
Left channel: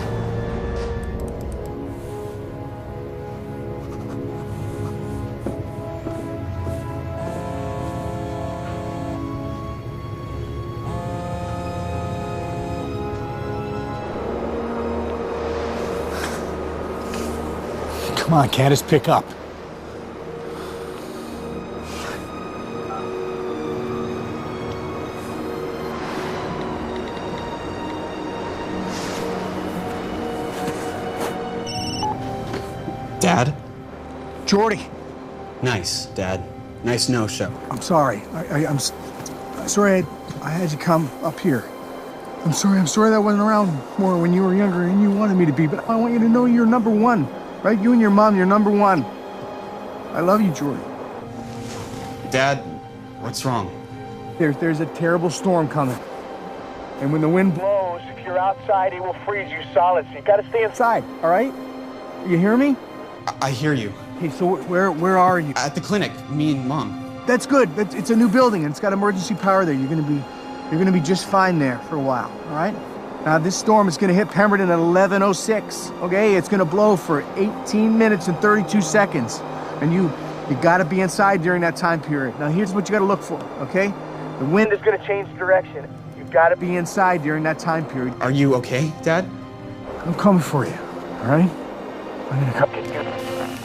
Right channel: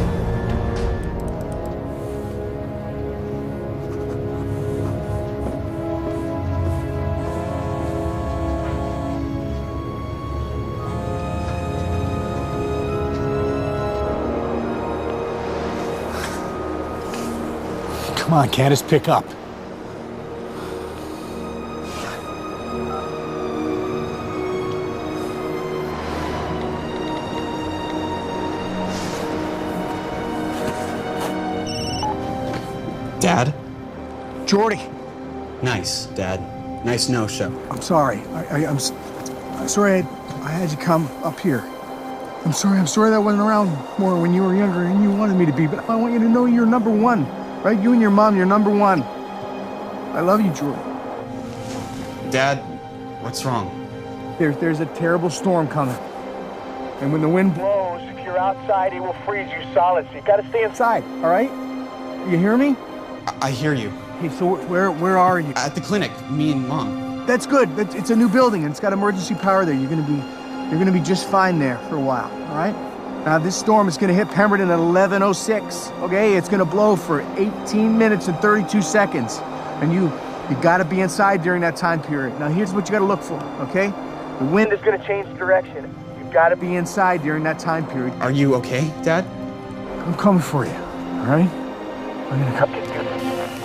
Come on, Candace, pick up. Dad? Jordy. Nice, Dad. Nice no-show. I'm sorry. I'm sorry I had you come up here. I'm sorry that I wasn't around more when you were younger and you wanted me to be, but I want you to know you're number one, right? You and your mom, you're number one. I love you, Jordy. Dad, what's wrong? There's a terrible storm coming. And when the wind blows, if you're outside, it will freeze you solid, so you gotta stay inside, all right? You hear me? I hear you. Hey, so where are you? At the clinic, me and Mom. That's good. It's a new building and it's got emergency power there. You're gonna be just fine there for a while, all right? Now this storm is gonna hit Pemberton at 11:06. Okay, it's gonna blow for 18 minutes and 32 seconds, and you gotta be inside during that time period. Now here's what you gotta look for, okay? The wind is gonna change direction. You gotta be inside during that time period. Are you okay, Dad? I'm coming for you, all right? I'm gonna come get you.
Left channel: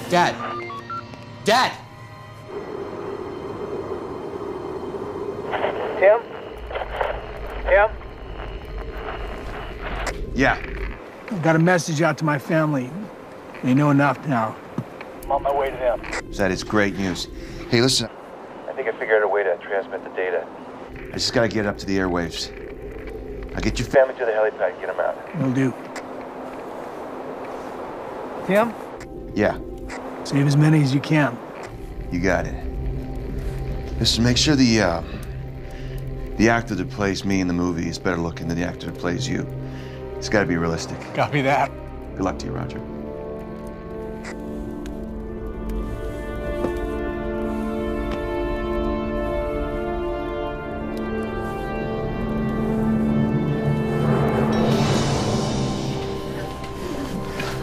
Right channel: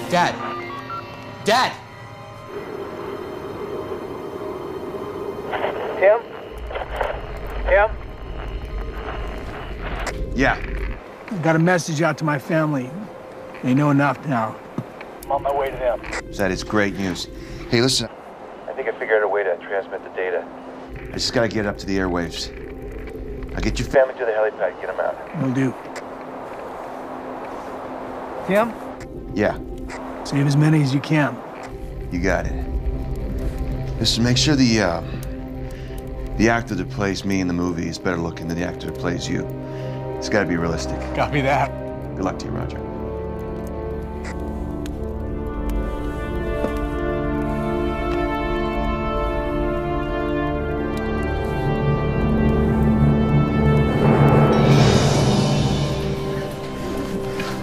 Dad! Dad! Tim? Tim? Yeah. I got a message out to my family. They know enough now. I'm on my way to them. That is great news. Hey, listen. I think I figured out a way to transmit the data. I just gotta get up to the airwaves. I'll get your family to the helipad, get them out. Will do. Tim? Yeah. Save as many as you can. You got it. Listen, make sure the actor that plays me in the movie is better looking than the actor that plays you. It's gotta be realistic. Copy that. Good luck to you, Roger.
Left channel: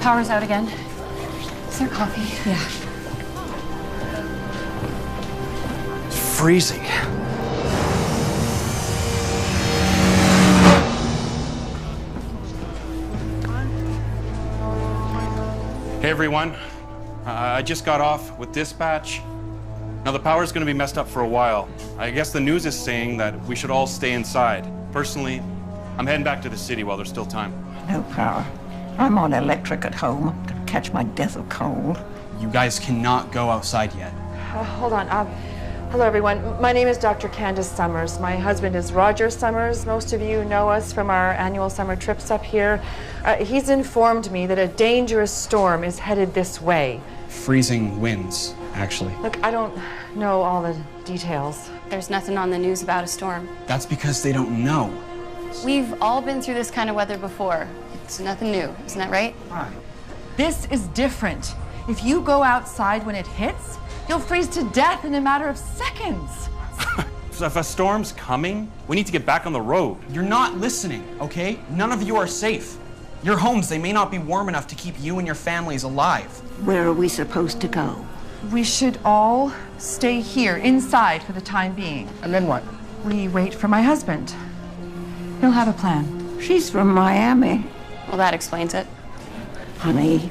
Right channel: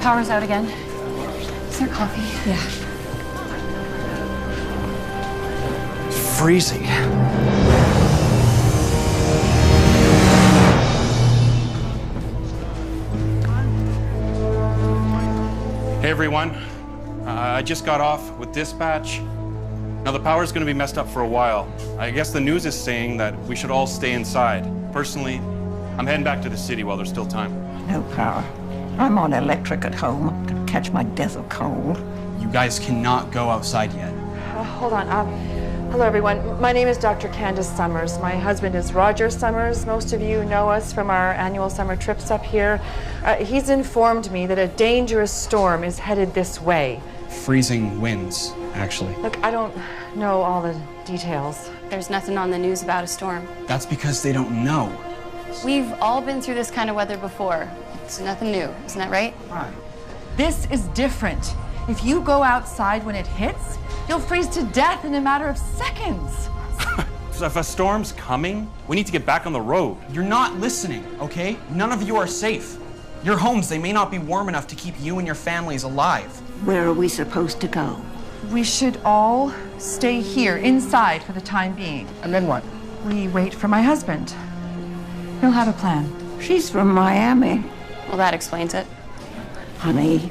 Power's out again. Is there coffee? Yeah. Freezing. Hey everyone, I just got off with dispatch. Now the power's gonna be messed up for a while. I guess the news is saying that we should all stay inside. Personally, I'm heading back to the city while there's still time. No power. I'm on electric at home. I'm gonna catch my death of cold. You guys cannot go outside yet. Hold on. Hello, everyone. My name is Dr. Candace Summers. My husband is Roger Summers. Most of you know us from our annual summer trips up here. He's informed me that a dangerous storm is headed this way. Freezing winds, actually. Look, I don't know all the details. There's nothing on the news about a storm. That's because they don't know. We've all been through this kind of weather before. It's nothing new, isn't that right? Right. This is different. If you go outside when it hits, you'll freeze to death in a matter of seconds. If a storm's coming, we need to get back on the road. You're not listening, okay? None of you are safe. Your homes, they may not be warm enough to keep you and your families alive. Where are we supposed to go? We should all stay here, inside, for the time being. And then what? We wait for my husband. He'll have a plan. She's from Miami. Well, that explains it. Honey,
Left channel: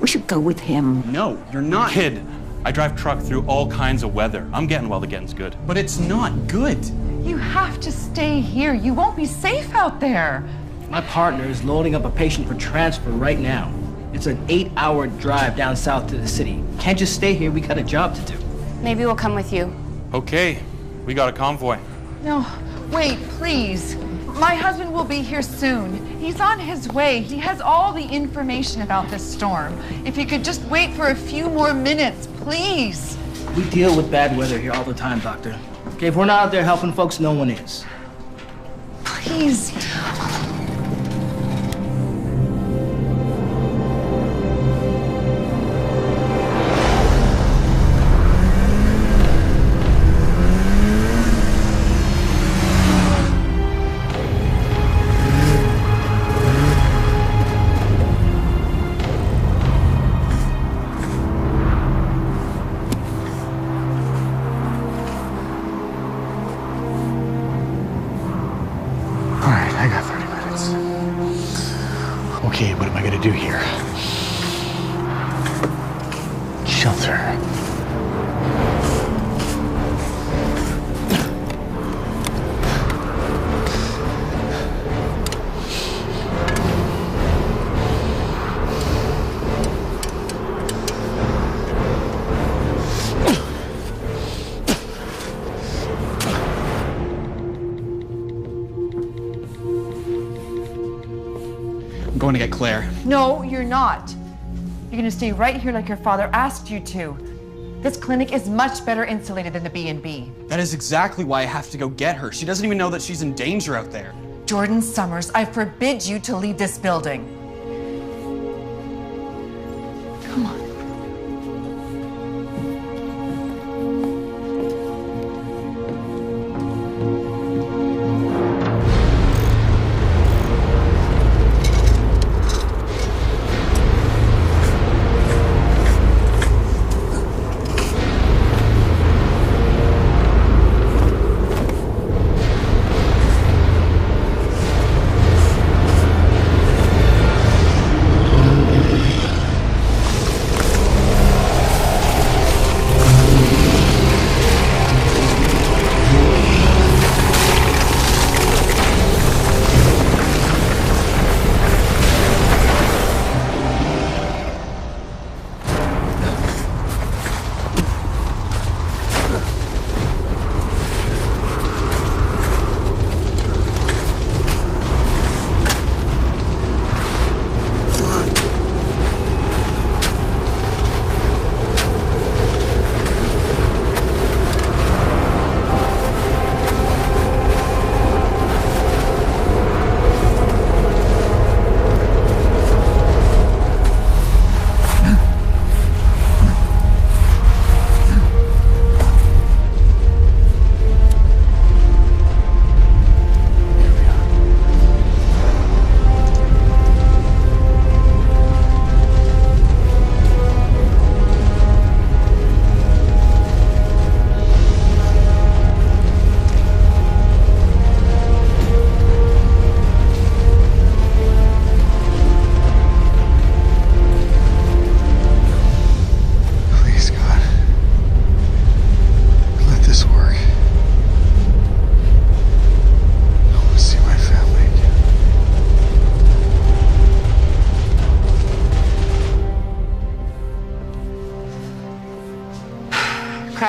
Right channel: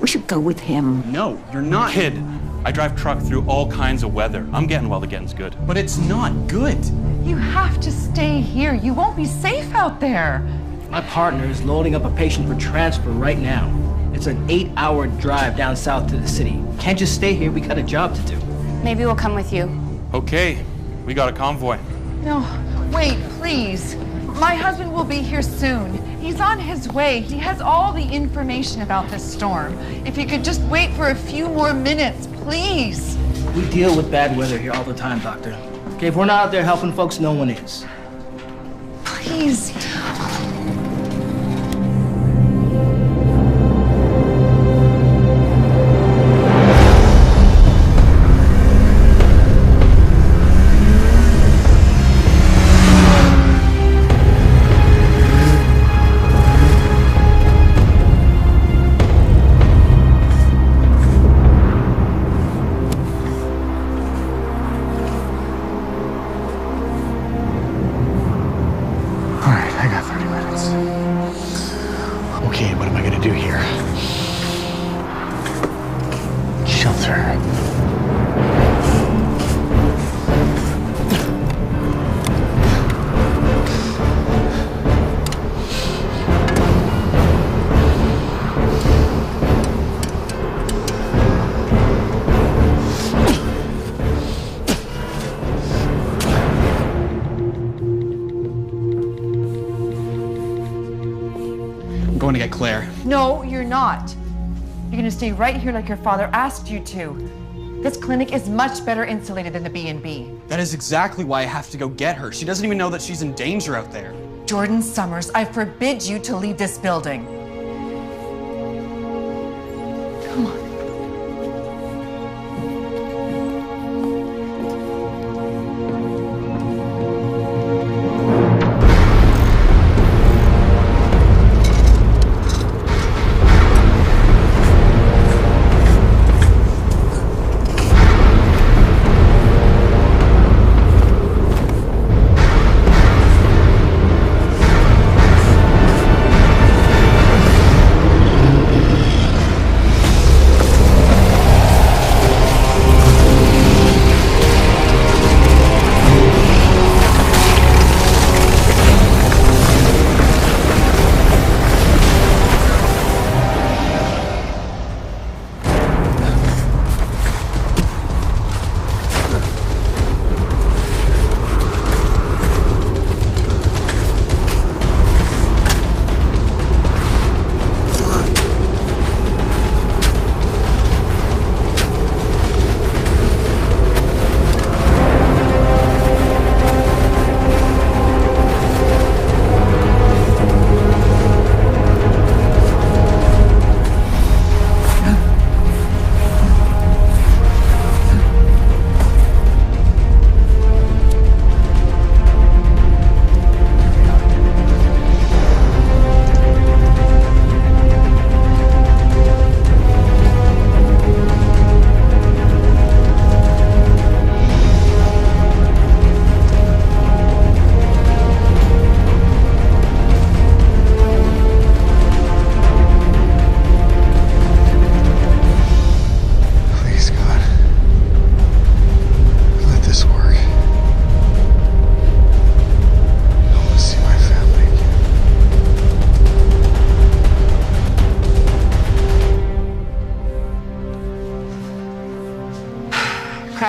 we should go with him. No, you're not. Kid, I drive truck through all kinds of weather. I'm getting while the getting's good. But it's not good. You have to stay here. You won't be safe out there. My partner is loading up a patient for transfer right now. It's an 8-hour drive down south to the city. Can't just stay here, we got a job to do. Maybe we'll come with you. Okay, we got a convoy. No, wait, please. My husband will be here soon. He's on his way. He has all the information about this storm. If you could just wait for a few more minutes, please. We deal with bad weather here all the time, Doctor. Okay, if we're not out there helping folks, no one is. Please. I got 30 minutes. Okay, what am I gonna do here? Shelter. I'm going to get Claire. No, you're not. You're gonna stay right here like your father asked you to. This clinic is much better insulated than the B&B. That is exactly why I have to go get her. She doesn't even know that she's in danger out there. Jordan Summers, I forbid you to leave this building. Come on.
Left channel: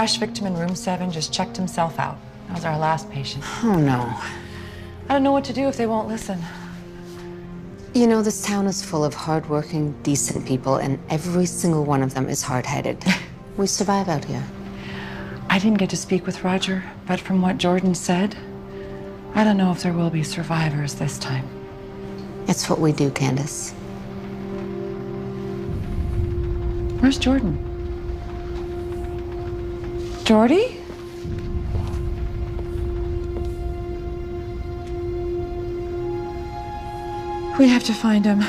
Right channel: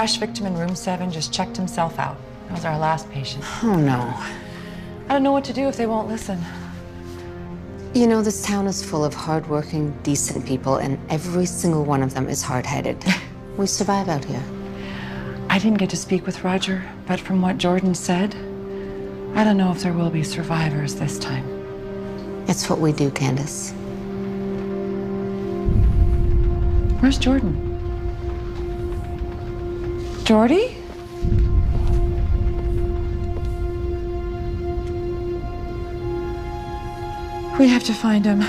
crash victim in room 7 just checked himself out. That was our last patient. Oh, no. I don't know what to do if they won't listen. You know, this town is full of hardworking, decent people, and every single one of them is hard-headed. We survive out here. I didn't get to speak with Roger, but from what Jordan said, I don't know if there will be survivors this time. It's what we do, Candace. Where's Jordan? Jordy? We have to find him.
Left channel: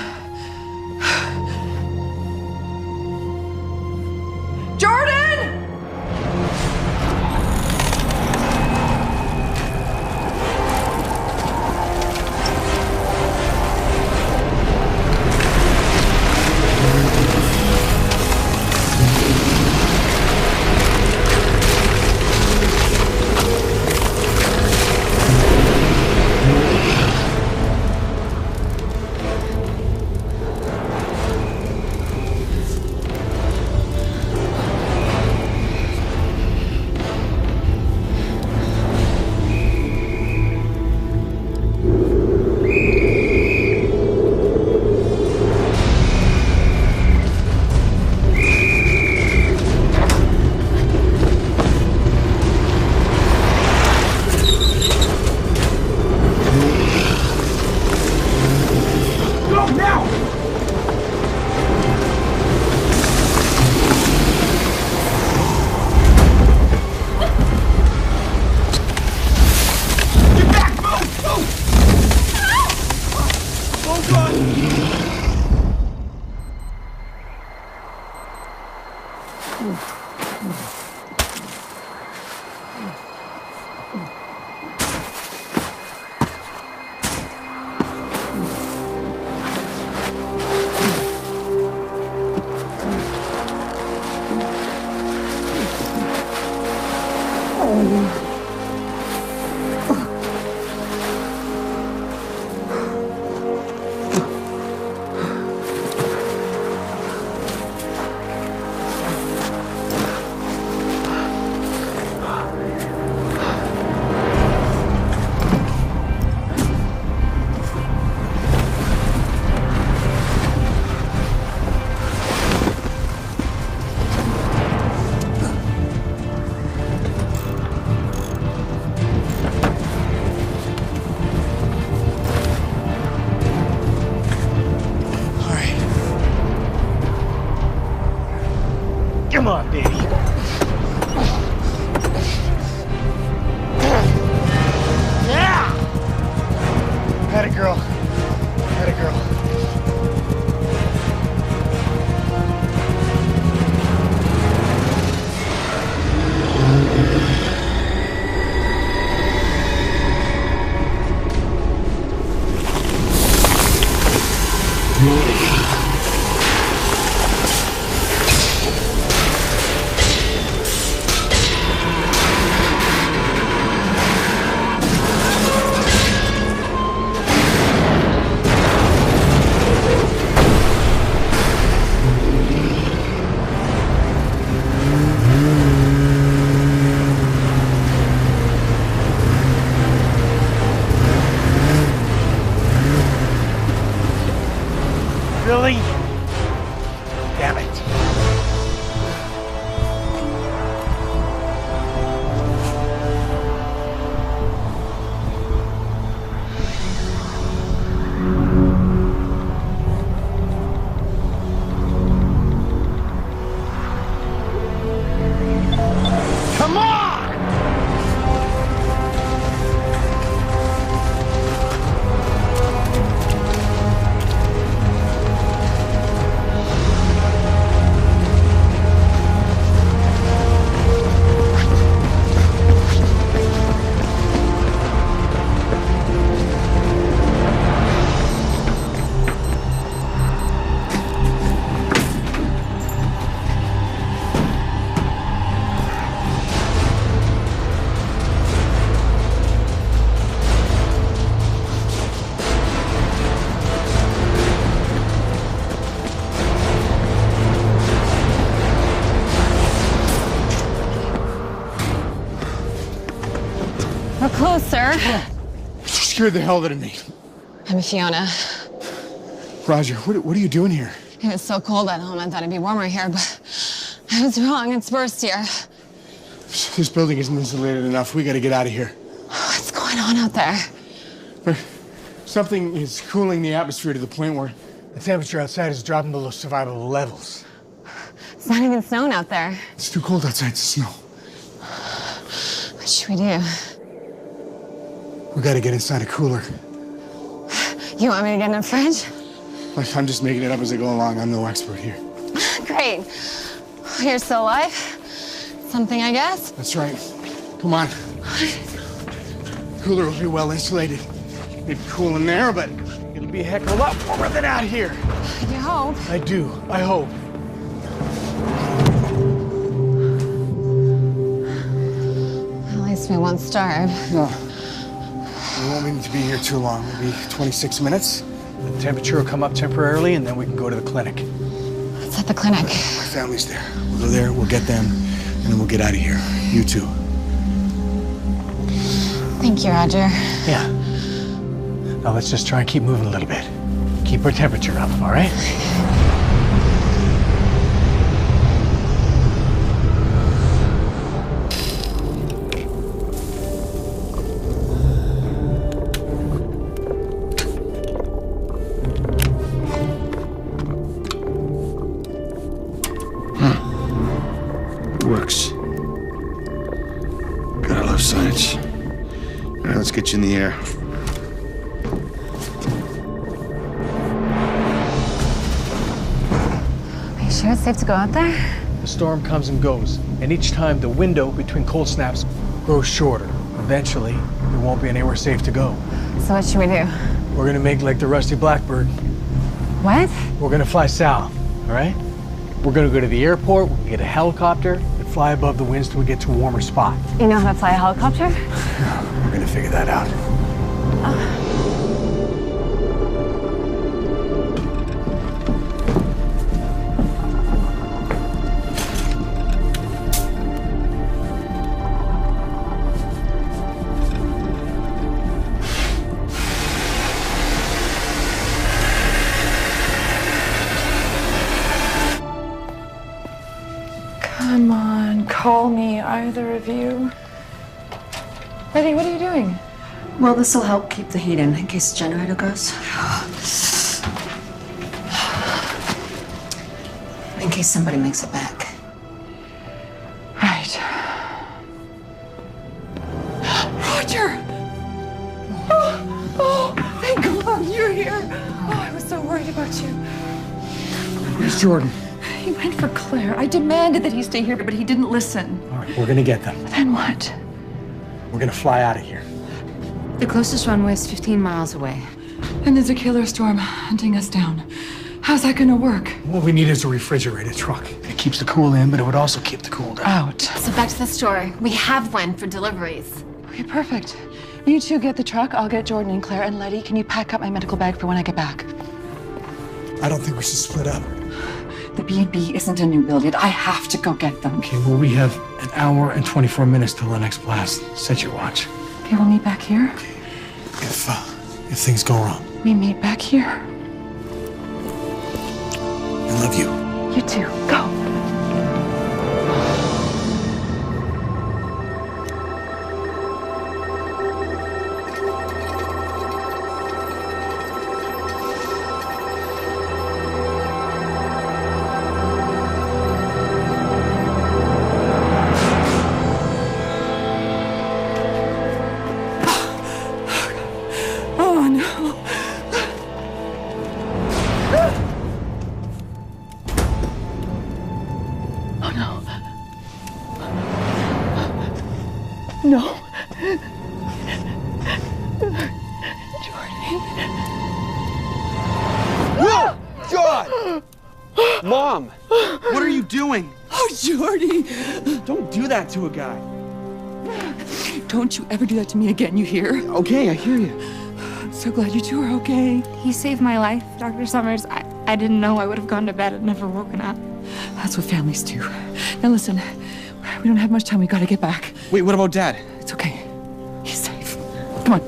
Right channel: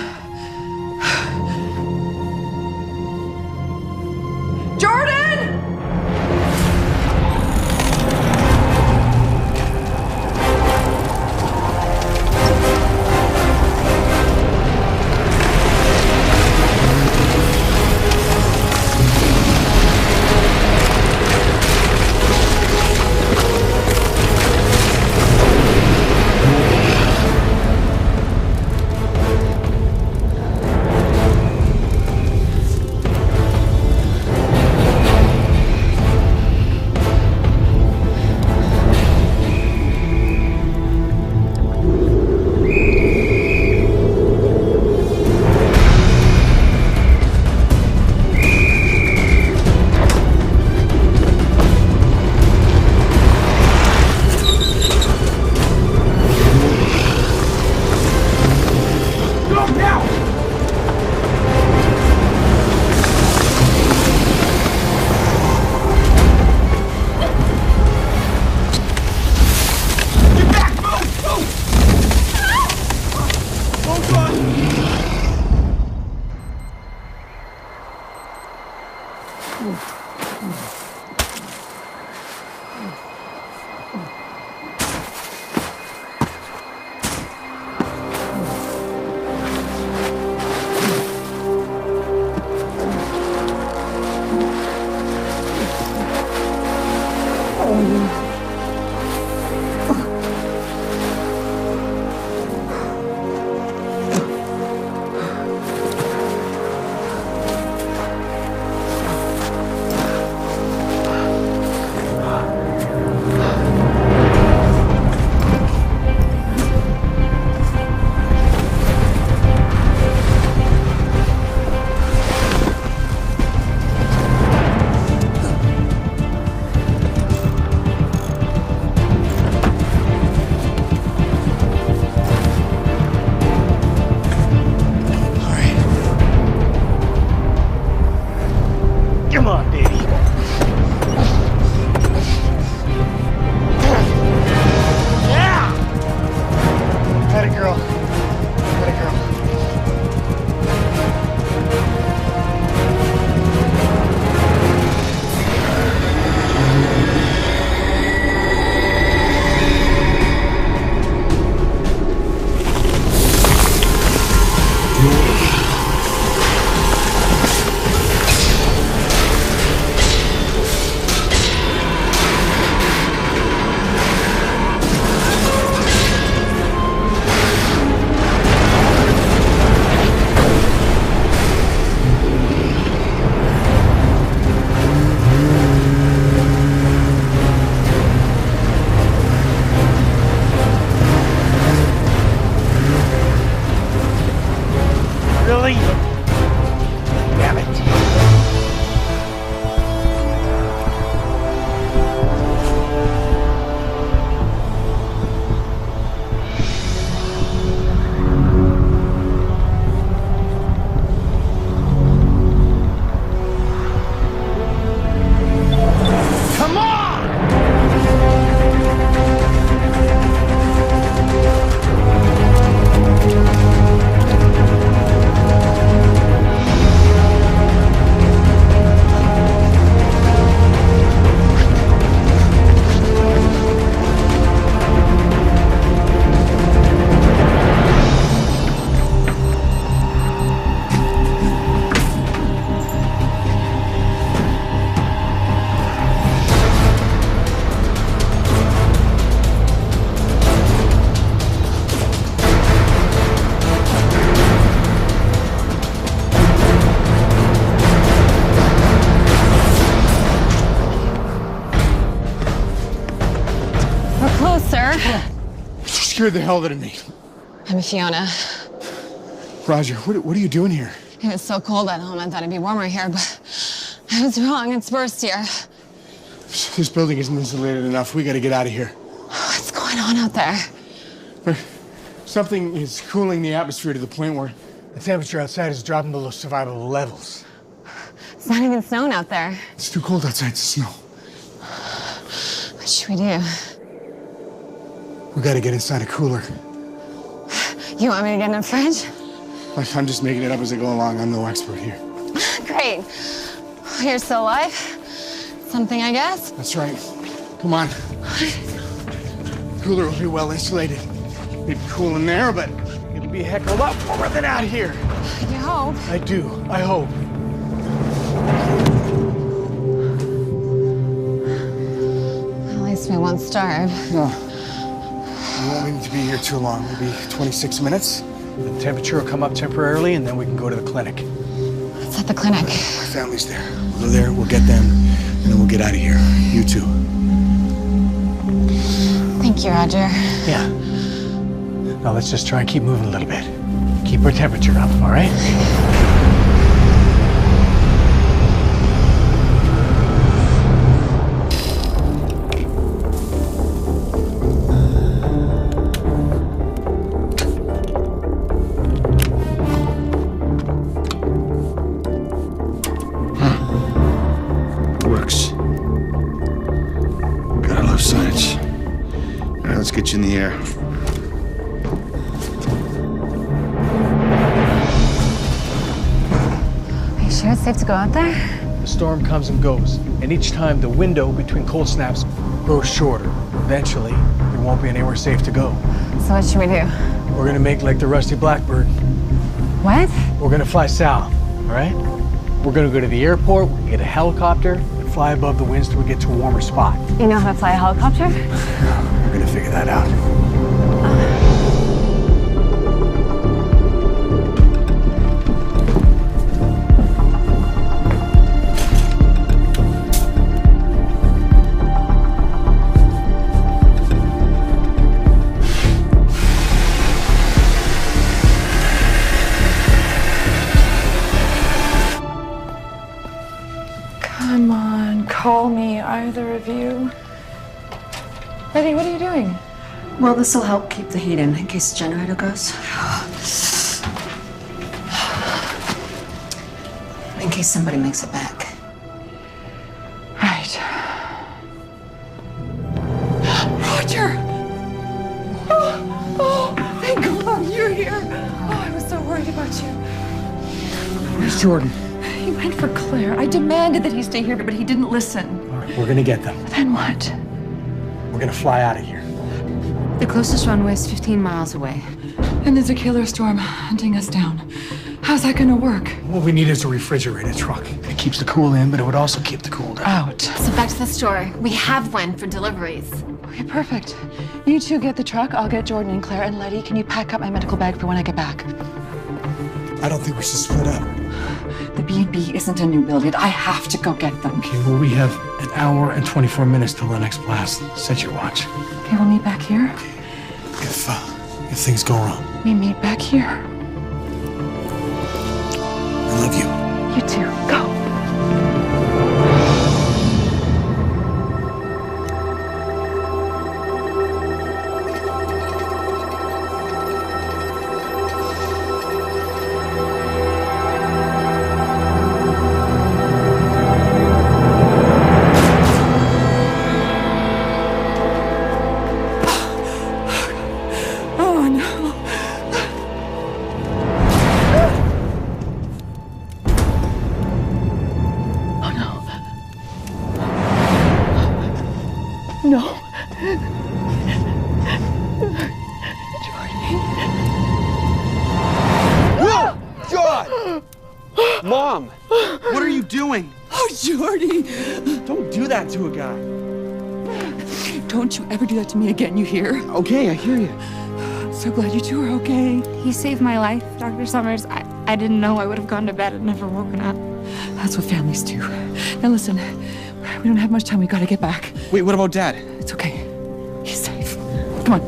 Jordan! We're close, sir. You scared the hell out of me. I'm Fiona. Roger, what are you doing here? It was so cold at home, I thought it'd be warmer here, but I was wrong. It's worse here. This building isn't insulated enough. We gotta get out of here. What's going on out there? Something is cooling the atmosphere to the point where the temperature outside is dropping below survivable levels. It's not even snowing out there. It's too cold outside to snow. What should we do? We gotta get inside a cooler. You want me to get in a fridge? I'm just making it up as I go along. I'm no expert here. Great. You're still alive? Something, I guess? That's right. Come on. Cooler will be well insulated. Maybe cool in there, but it'll be a heck of a lot warmer than out here. You hope. I do. I hope. At least we won't starve. No. We won't need to be here too long. Maybe 26 minutes. The temperature will come up temporarily, and then we can go to the clinic. What's at the clinic? My family's there. We'll go there, we'll get them, and then we'll get out of here. You too. Thank you, Roger. Yeah. Now let's just try and keep moving a little bit. Keep our temperature up, all right? Works. Gotta love science. All right, let's get you in the air. Are you sure it's safe to go out there? The storm comes and goes, and each time the window between cold snaps grows shorter. Eventually, there won't be anywhere safe to go. So what should we do? We're gonna make like the Rusty Blackbird. What? We're gonna fly south, all right? We're gonna go to the airport, we can get a helicopter, and fly above the winds till we get to a warmer spot. You know how to fly a helicopter? We're gonna figure that out. Come on, call me, either of you. Betty, what are you doing? Well, this will help keep the heat in case the generator goes. In case somebody makes it back. Right. Roger! Oh, thank God you're here. Oh, I was so worried about you. Where's Jordan? He went for Claire. I demanded that he stay here, but he didn't listen. All right, we're gonna get them. Then what? We're gonna fly out of here. The closest runway is 15 miles away. And there's a killer storm hunting us down. How's that gonna work? What we need is a refrigerated truck. It keeps the cool in, but it would also keep the cool down. Out. So back to the store. We have one for deliveries. Okay, perfect. You two get the truck. I'll get Jordan and Claire. And Letty, can you pack up my medical bag for when I get back? I don't think we should split up. The B&B isn't a new build yet. I have to go get them. Okay, well, we have an hour and 24 minutes till the next blast. Set your watch. Okay, we'll meet back here. If things go wrong. We meet back here. I love you. You too. Go. Oh, no. No. Jordy. No! God! Mom! What are you doing? Oh, Jordy! Don't do that to a guy. Don't you ever do that to me again, you hear? Okay, I hear you. I'm so glad you two are okay. He saved my life, Dr. Summers. I didn't know I would have gone to bed and never woken up. That's what families do. Now listen, we don't have much time. We gotta get back. Wait, what about Dad? It's okay. He's safe. Come on.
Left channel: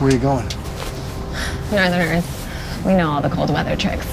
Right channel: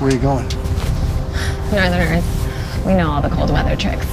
Where are you going? Northerners, we know all the cold weather tricks.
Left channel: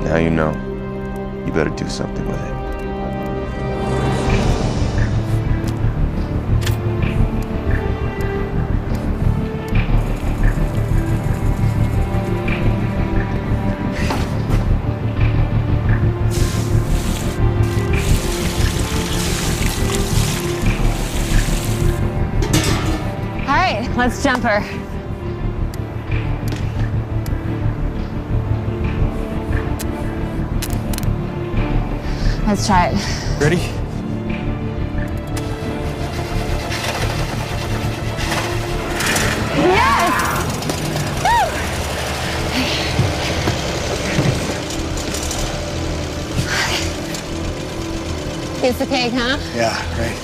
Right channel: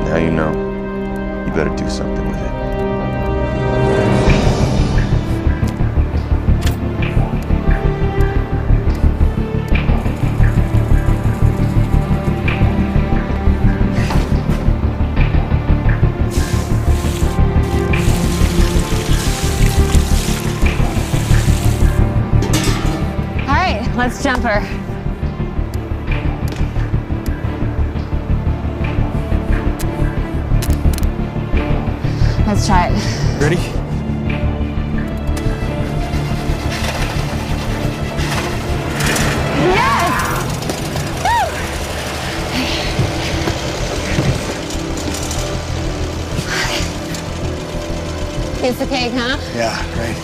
Now you know. You better do something with it. All right, let's jump her. Let's try it. Ready? Yes! Woo! Piece of cake, huh? Yeah, right.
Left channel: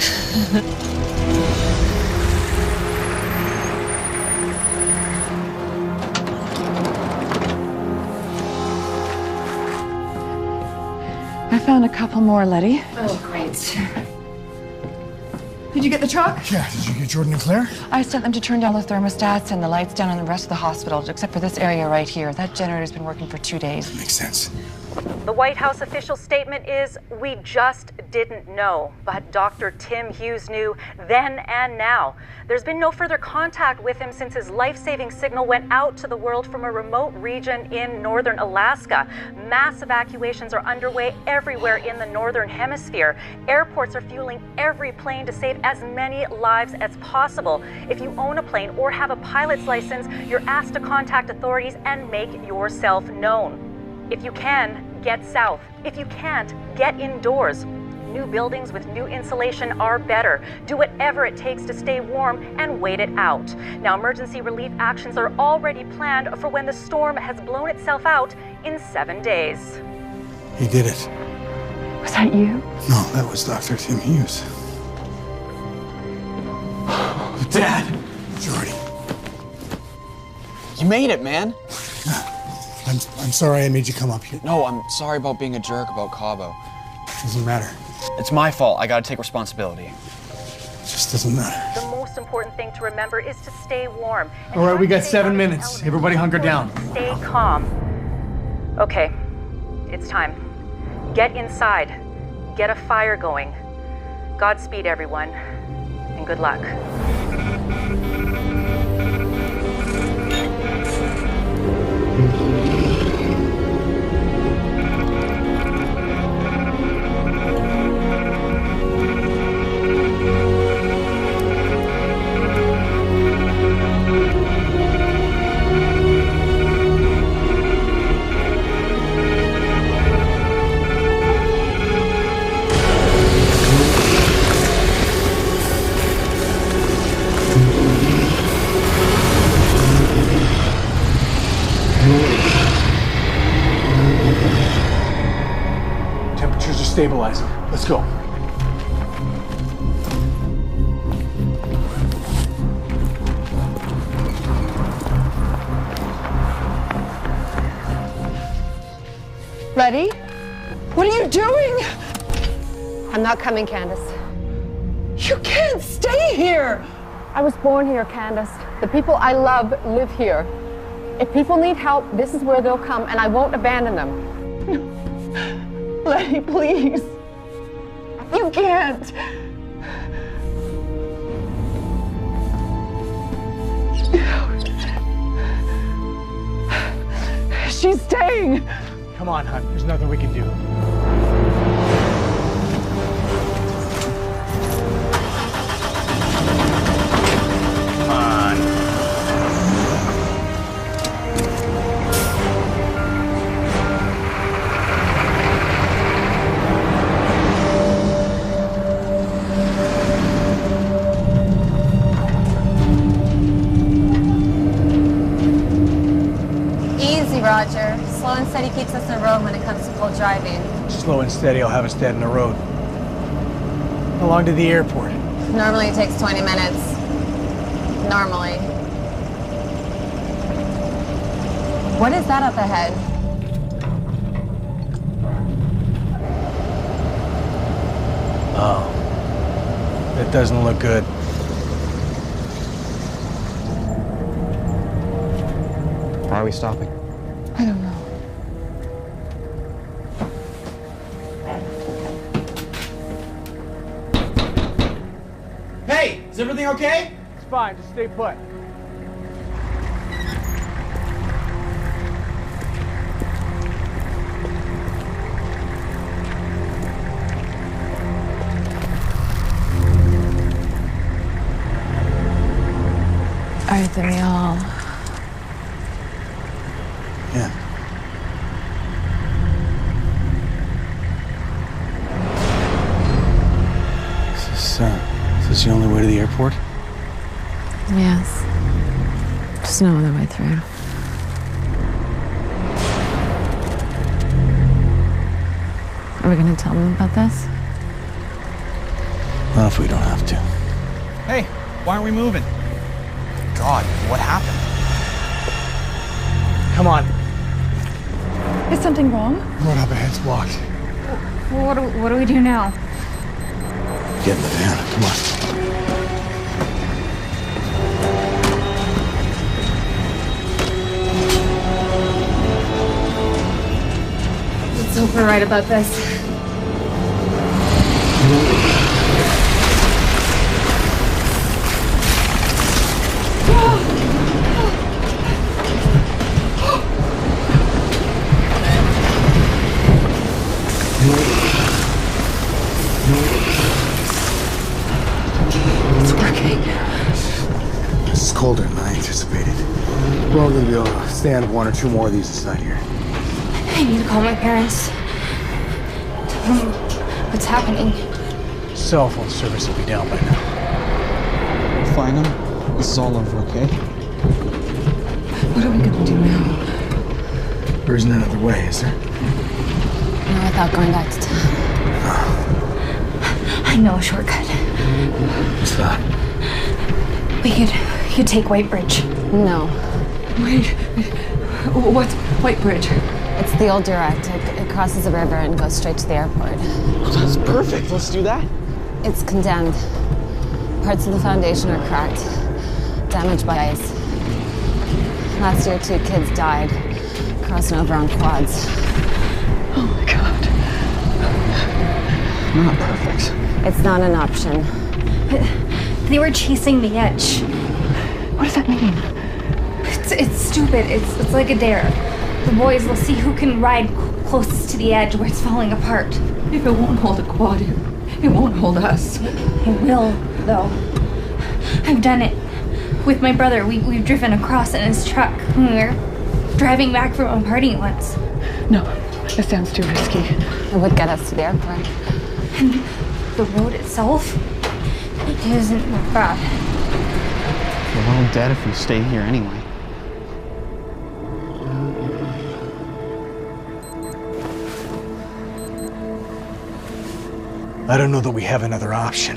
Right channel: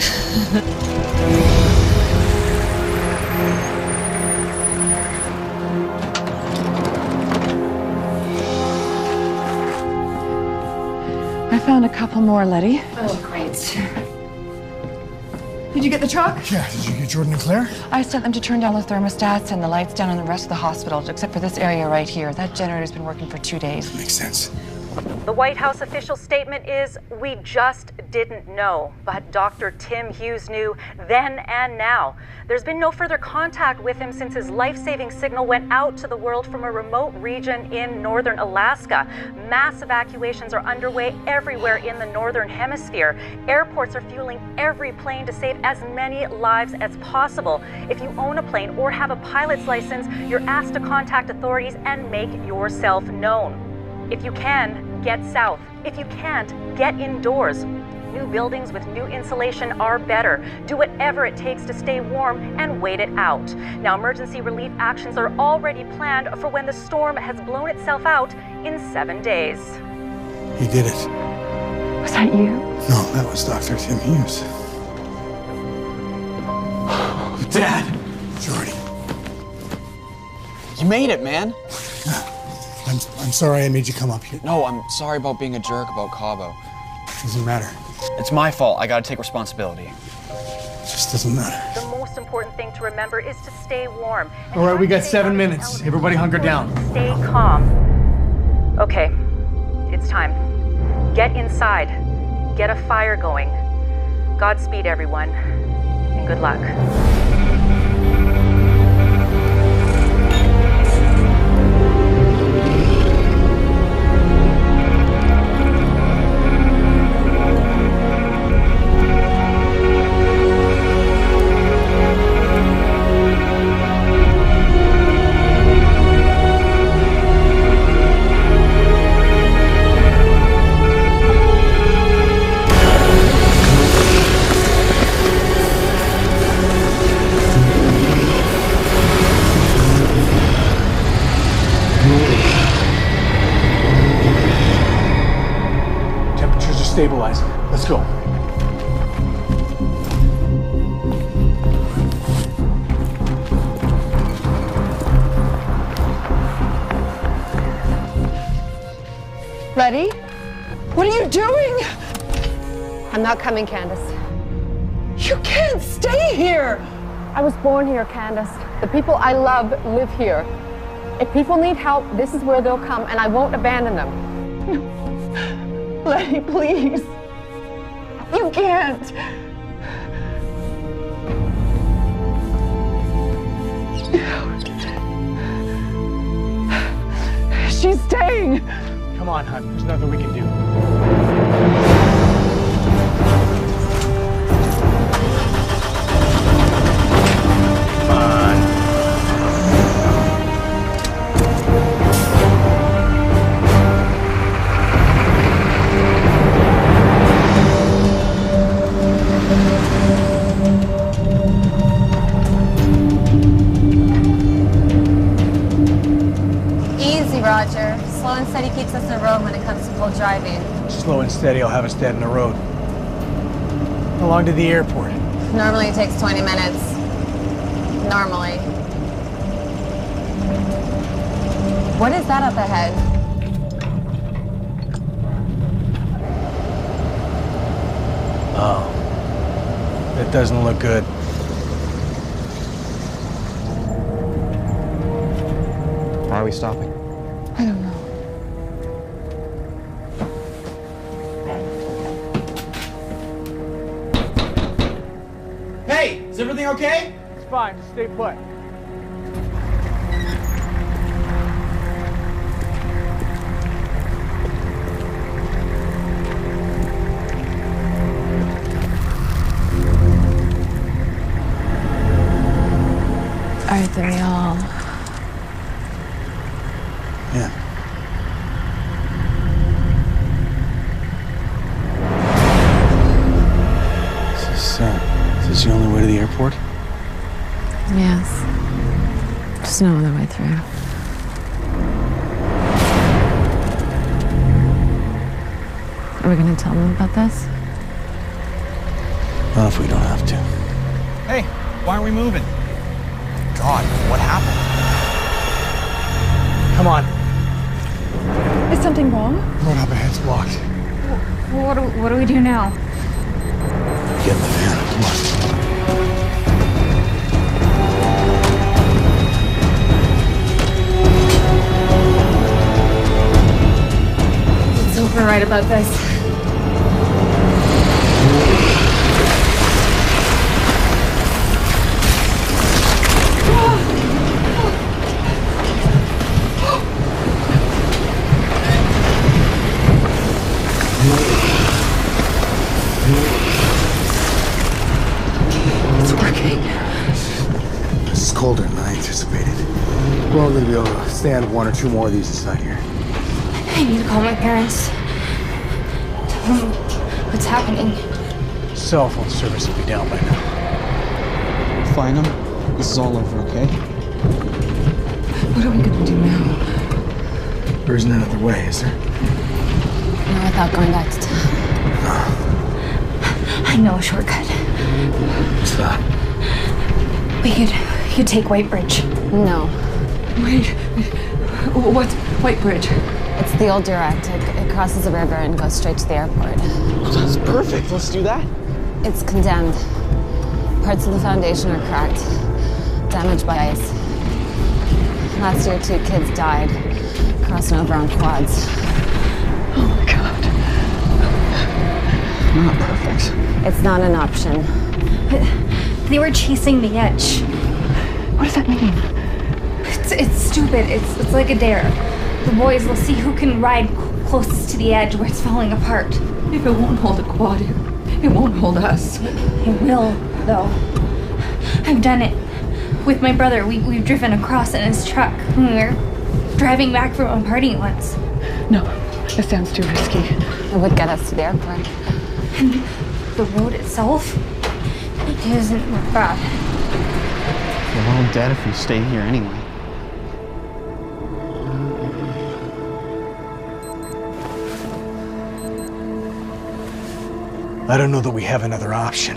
I found a couple more, Letty. Oh, great. Did you get the truck? Yeah, did you get Jordan and Claire? I sent them to turn down the thermostats and the lights down in the rest of the hospital, except for this area right here. That generator's been working for 2 days. Makes sense. The White House official statement is, we just didn't know. But Dr. Tim Hughes knew then and now. There's been no further contact with him since his life-saving signal went out to the world from a remote region in northern Alaska. Mass evacuations are underway everywhere in the northern hemisphere. Airports are fueling every plane to save as many lives as possible. If you own a plane or have a pilot's license, you're asked to contact authorities and make yourself known. If you can, get south. If you can't, get indoors. New buildings with new insulation are better. Do whatever it takes to stay warm and wait it out. Now, emergency relief actions are already planned for when the storm has blown itself out in 7 days. He did it. Was that you? No, that was Dr. Tim Hughes. Dad! Jordy. You made it, man. I'm sorry I made you come up here. No, I'm sorry about being a jerk about Cabo. Doesn't matter. It's my fault. I gotta take responsibility. It just doesn't matter. The most important thing to remember is to stay warm. And All right, try we to got stay 7 out of the minutes. elements. Everybody hunker down. Stay calm. Okay, it's time. Get inside. Get a fire going. Godspeed, everyone, and good luck. Temperatures are stabilizing. Let's go. Letty? What are you doing? I'm not coming, Candace. You can't stay here! I was born here, Candace. The people I love live here. If people need help, this is where they'll come, and I won't abandon them. Letty, please. You can't. She's staying. Come on, hon. There's nothing we can do. Come on. Easy, Roger. Slow and steady keeps us in a row when it comes to cold driving. Slow and steady, I'll have us dead in the road. How long to the airport? Normally it takes 20 minutes. Normally. What is that up ahead? Oh. That doesn't look good. Why are we stopping? I don't know. Hey, is everything okay? It's fine, just stay put. All right, then we all. Yeah. Is this the only way to the airport? Yes. There's no other way through. Are we gonna tell them about this? Not if we don't have to. Hey, why aren't we moving? God, what happened? Come on. Is something wrong? Road up ahead's blocked. What do we do now? Get in the van. Come on. Let's hope we're right about this. It's working. This is colder than I anticipated. We're only gonna be able to stand one or two more of these inside here. I need to call my parents. Tell them what's happening. Cell phone service will be down by now. We'll find them. This is all over, okay? What are we gonna do now? There isn't another way, is there? Not without going back to town. I know a shortcut. What's that? We could take White Bridge. No. Wait. What's White Bridge? It's the old direct. It crosses the river and goes straight to the airport. That's perfect. Let's do that. It's condemned. Parts of the foundation are cracked, damaged by ice. Last year, 2 kids died crossing over on quads. Oh my God. Not perfect. It's not an option. They were chasing the edge. What does that mean? It's stupid. It's like a dare. The boys will see who can ride closest to the edge where it's falling apart. If it won't hold a quad, it won't hold us. It will, though. I've done it. With my brother, we've driven across in his truck when we were driving back from a party once. No, it sounds too risky. It would get us to the airport. And the road itself isn't bad. We're all dead if we stay here anyway. I don't know that we have another option.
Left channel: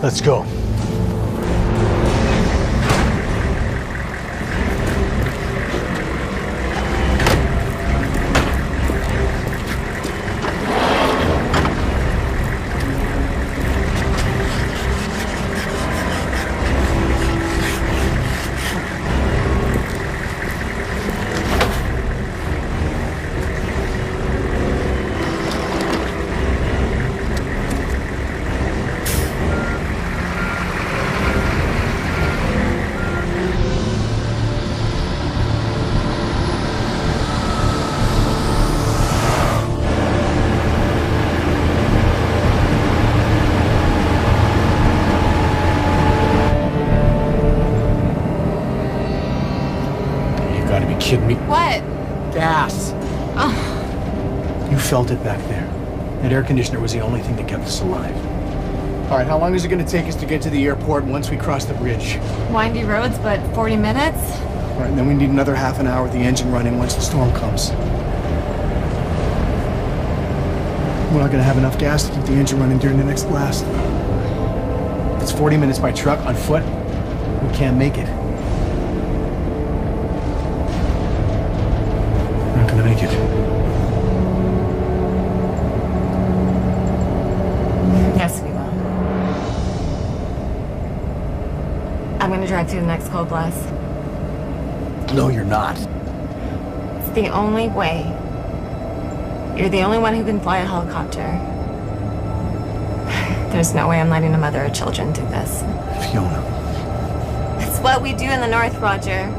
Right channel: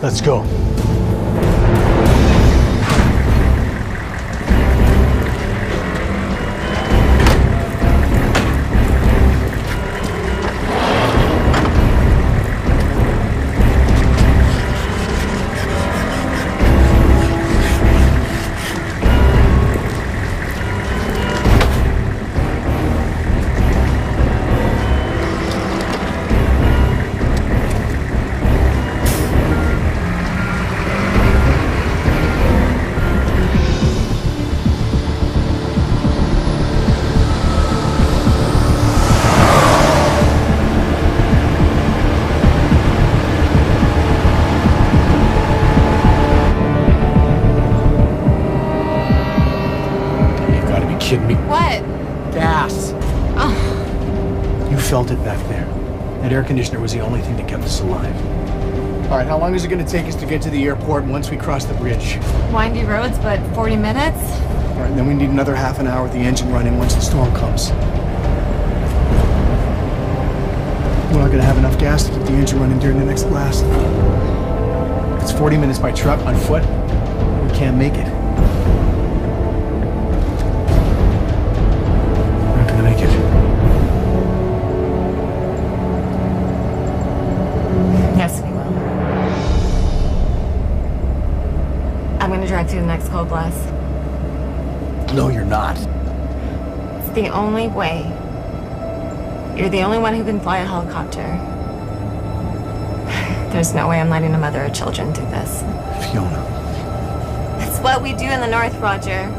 Let's go. kidding me? What? Gas. Oh. You felt it back there. That air conditioner was the only thing that kept us alive. All right, how long is it going to take us to get to the airport once we cross the bridge? Windy roads, but 40 minutes? All right, and then we need another half an hour with the engine running once the storm comes. We're not going to have enough gas to keep the engine running during the next blast. If it's 40 minutes by truck, on foot, we can't make it. We're not gonna make it. Yes, we will. I'm gonna drive through the next cold blast. No, you're not. It's the only way. You're the only one who can fly a helicopter. There's no way I'm letting a mother of children do this. Fiona. It's what we do in the North, Roger.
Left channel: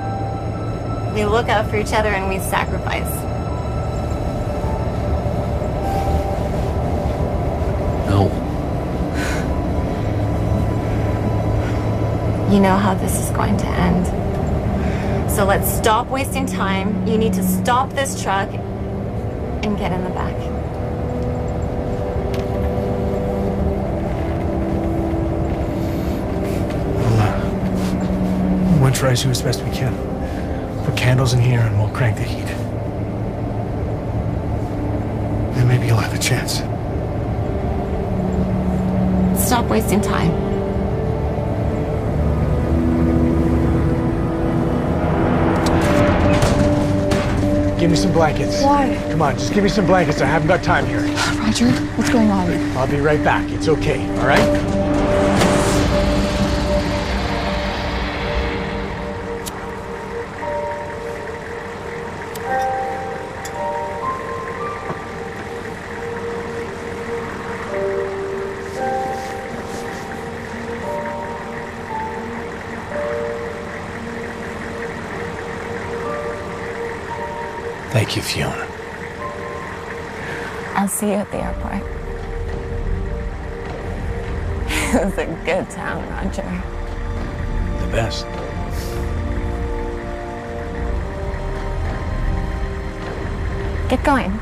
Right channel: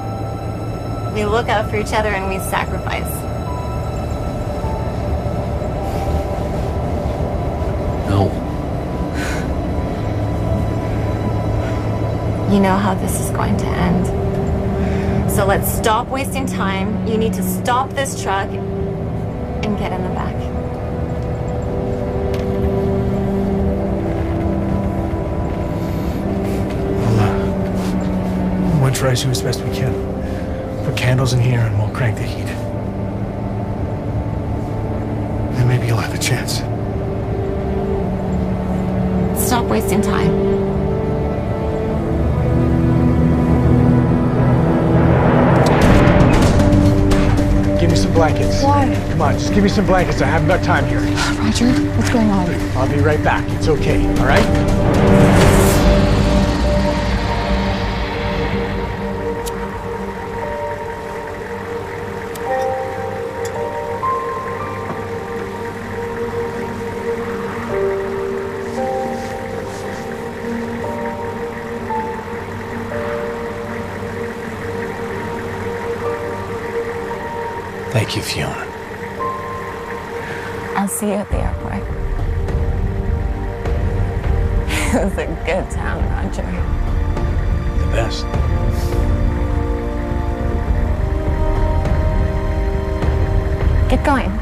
We look out for each other and we sacrifice. No. You know how this is going to end. So let's stop wasting time. You need to stop this truck and get in the back. We'll try to do as best we can. Put candles in here and we'll crank the heat. Then maybe you'll have a chance. Stop wasting time. Give me some blankets. Why? Come on, just give me some blankets. I haven't got time here. Roger, what's going on? I'll be right back. It's okay, all right? Thank you, Fiona. I'll see you at the airport. It was a good town, Roger. The best. Get going.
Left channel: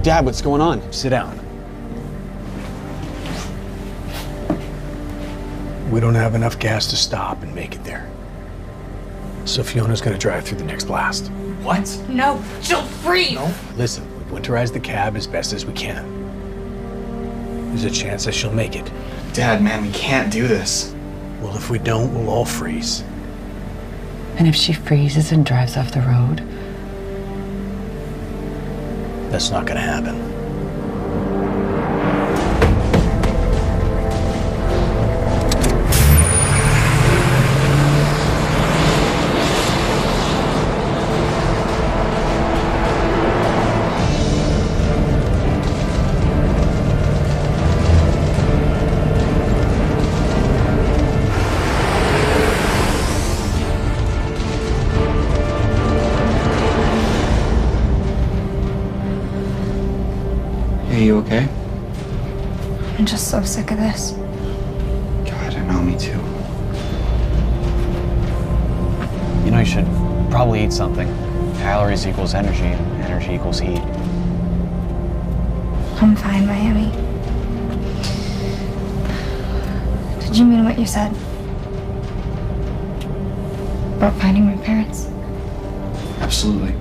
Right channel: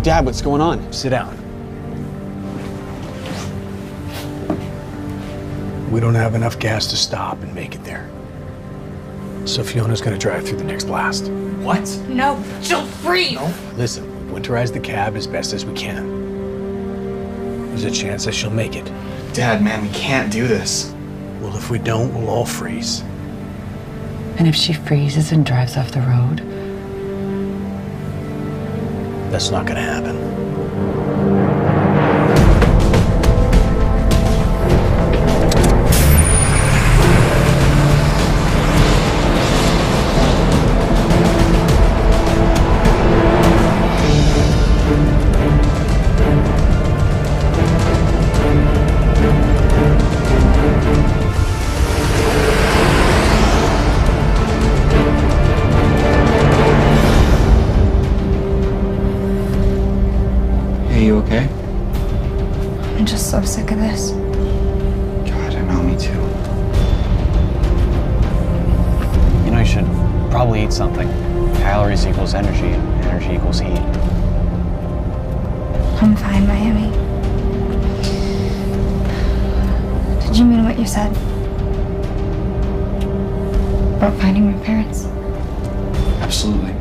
Dad, what's going on? Sit down. We don't have enough gas to stop and make it there. So Fiona's gonna drive through the next blast. What? No, she'll freeze. No. Listen, we've winterized the cab as best as we can. There's a chance that she'll make it. Dad, man, we can't do this. Well, if we don't, we'll all freeze. And if she freezes and drives off the road? That's not gonna happen. Are you okay? I'm just so sick of this. God, I know, me too. You know, you should probably eat something. Calories equals energy, and energy equals heat. I'm fine, Miami. Did you mean what you said? About finding my parents? Absolutely.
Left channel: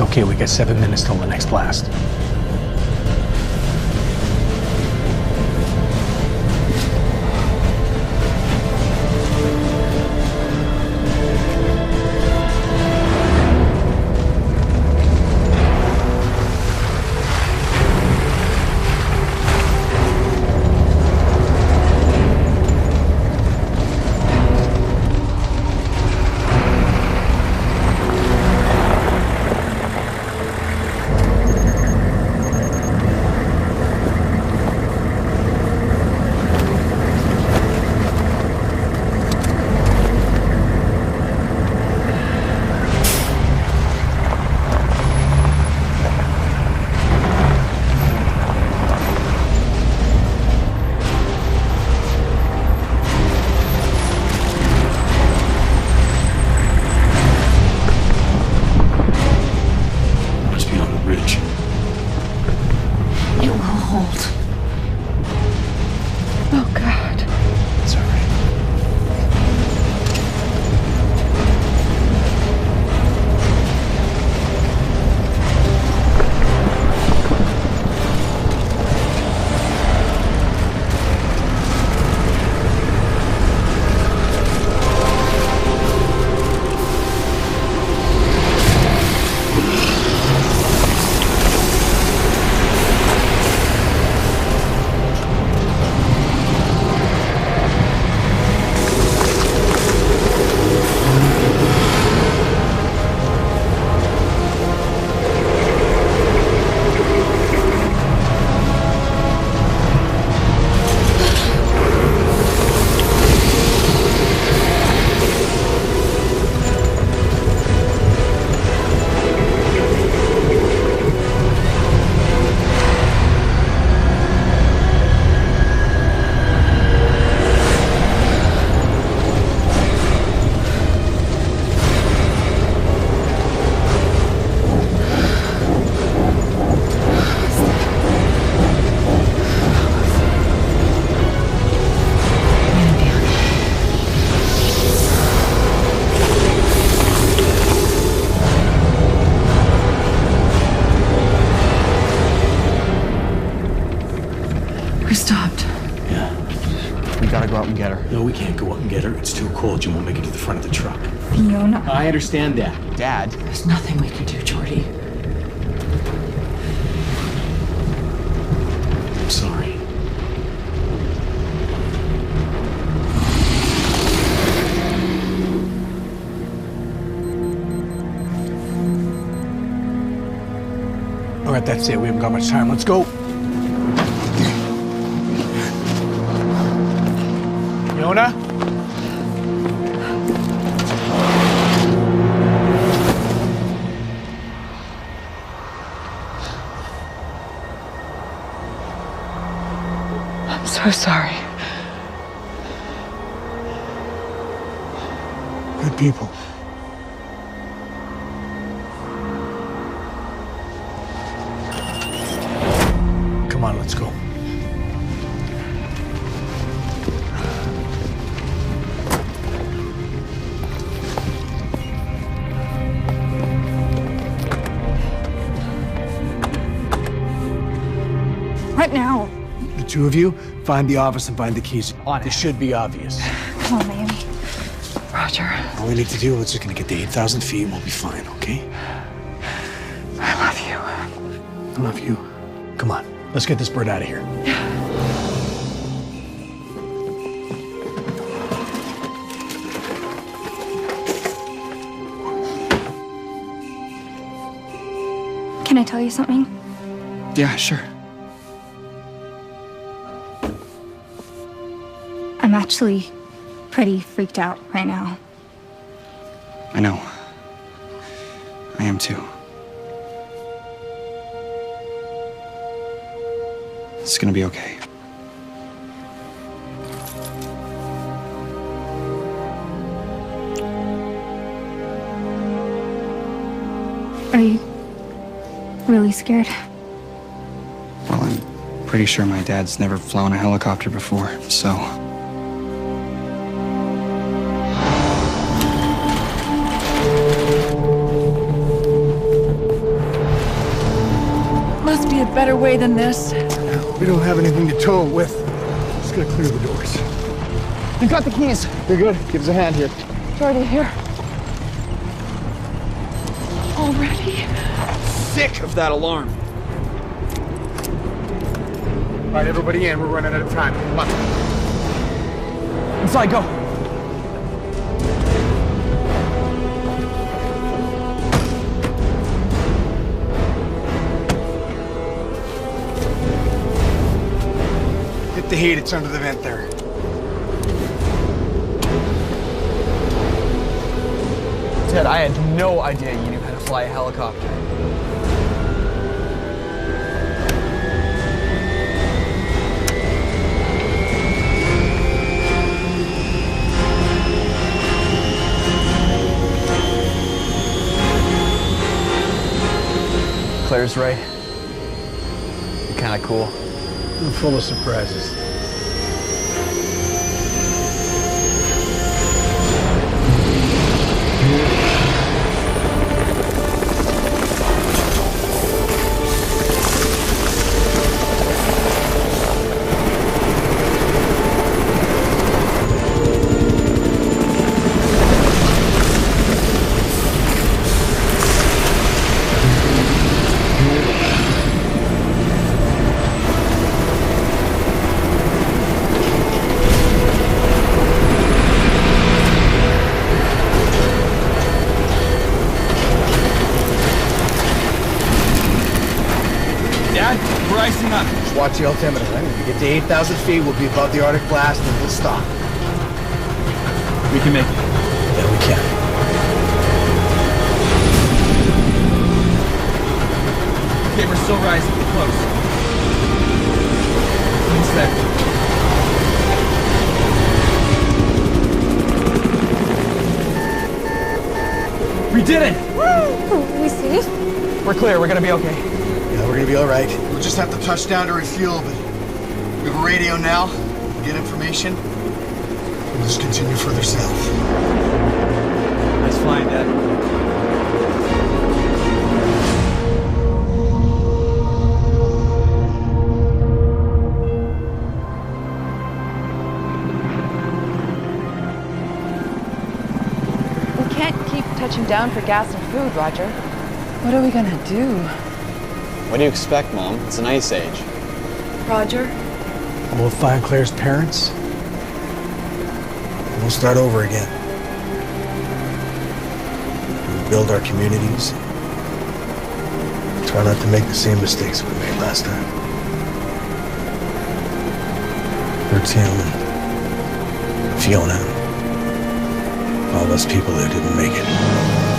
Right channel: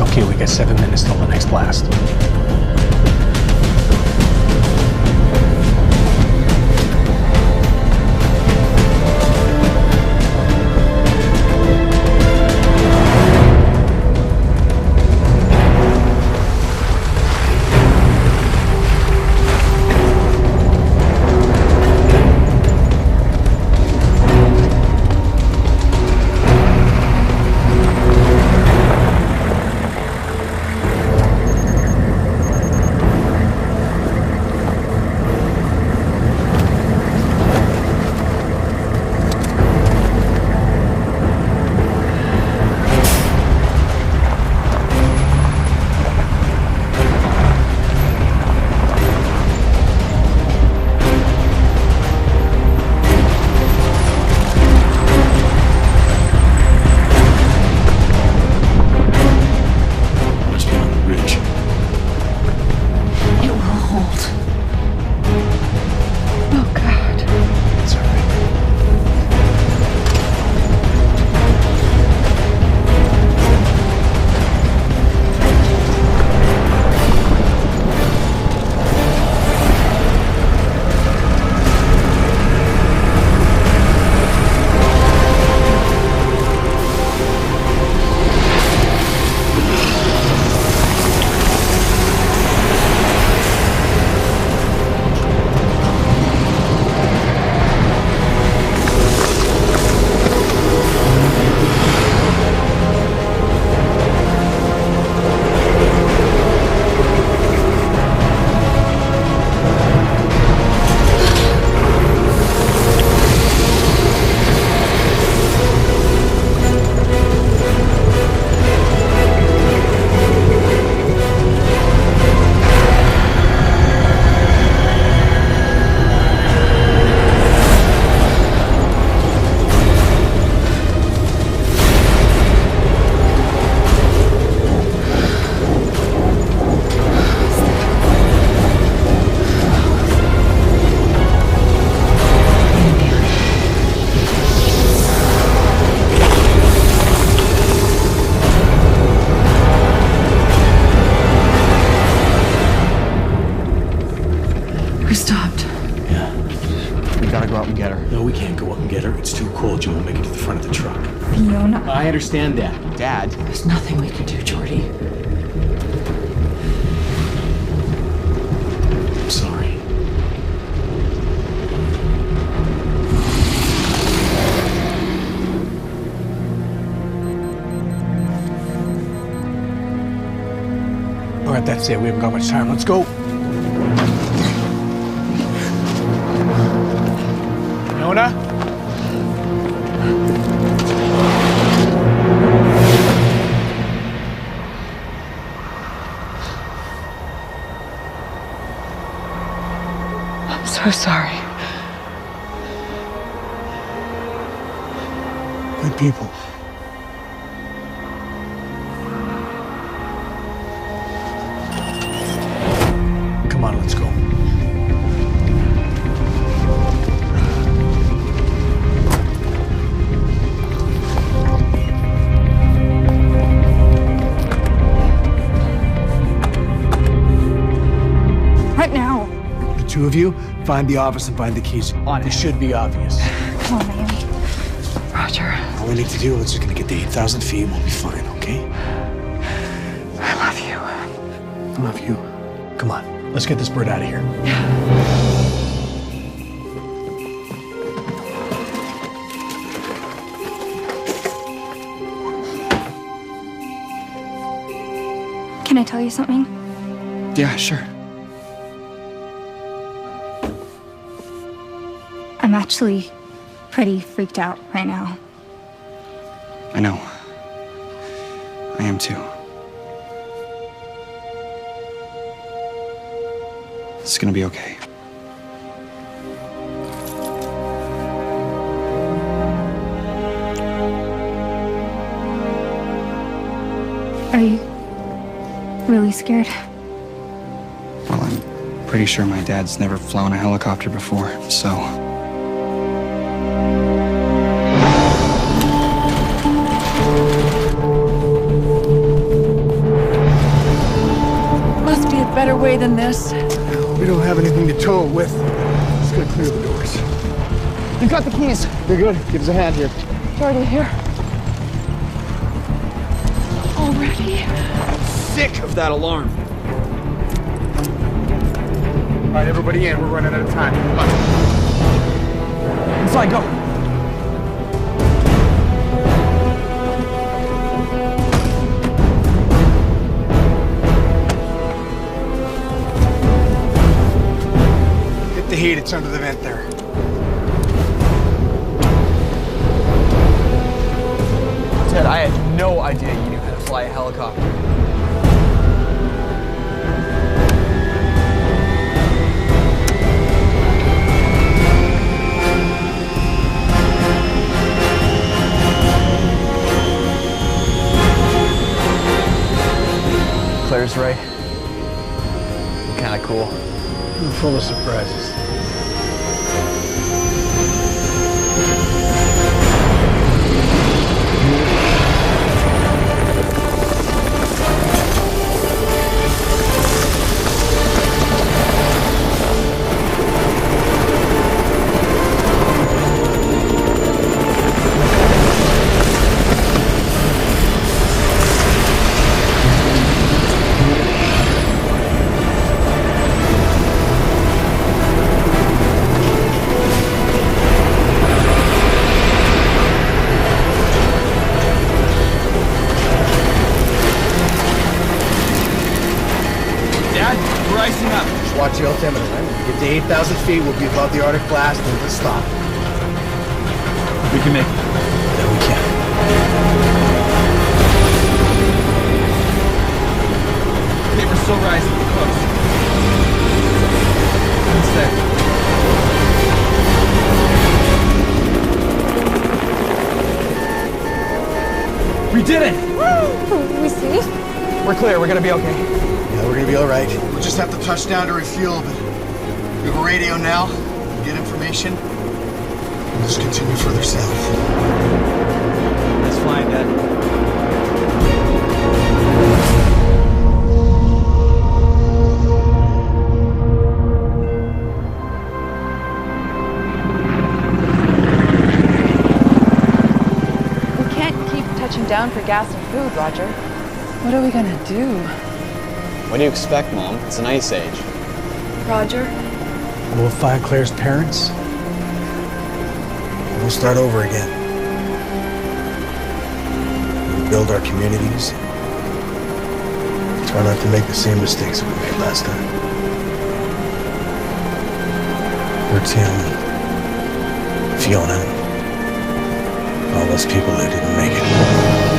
Okay, we got 7 minutes till the next blast. Yeah. We gotta go out and get her. No, we can't go up and get her. It's too cold. You won't make it to the front of the truck. Fiona. I understand that. Dad. There's nothing we can do, Jordy. I'm sorry. All right, that's it. We haven't got much time. Let's go. Fiona? I'm so sorry. Good people. Come on, let's go. What now? The two of you, find the office and find the keys. This should be obvious. Come on, man. Roger. All we need to do is just gonna get to 8,000 feet and we'll be fine, okay? I love you. I love you. Come on, let's get this bird out of here. Can I tell you something? Yeah, sure. I'm actually pretty freaked out right now. I know. I am too. It's gonna be okay. Are you really scared? Well, I'm pretty sure my dad's never flown a helicopter before, so... Must be a better way than this. We don't have anything to tow it with. Just gotta clear the doors. You got the keys. You're good. Give us a hand here. Jordy, here. Already? Sick of that alarm. All right, everybody in. We're running out of time. Come on. Inside, go. Hit the heat. It's under the vent there. Ted, I had no idea you knew how to fly a helicopter. Claire's right. You're kind of cool. We're full of surprises. We're icing up. Just watch the altimeter, right? When we get to 8,000 feet, we'll be above the Arctic blast, and we'll stop. We can make it. Yeah, we can. Okay, we're still rising. Get close. What's that? We did it! Woo! We safe? We're clear. We're gonna be okay. Yeah, we're gonna be all right. We'll just have to touch down to refuel, but we have a radio now. We'll get information. We'll just continue further south. Nice flying, Dad. touching down for gas and food, Roger. What are we gonna do? What do you expect, Mom? It's an ice age. Roger? We'll find Claire's parents. And we'll start over again. We'll build our communities. Try not to make the same mistakes that we made last time. For Tim and Fiona and all those people who didn't make it.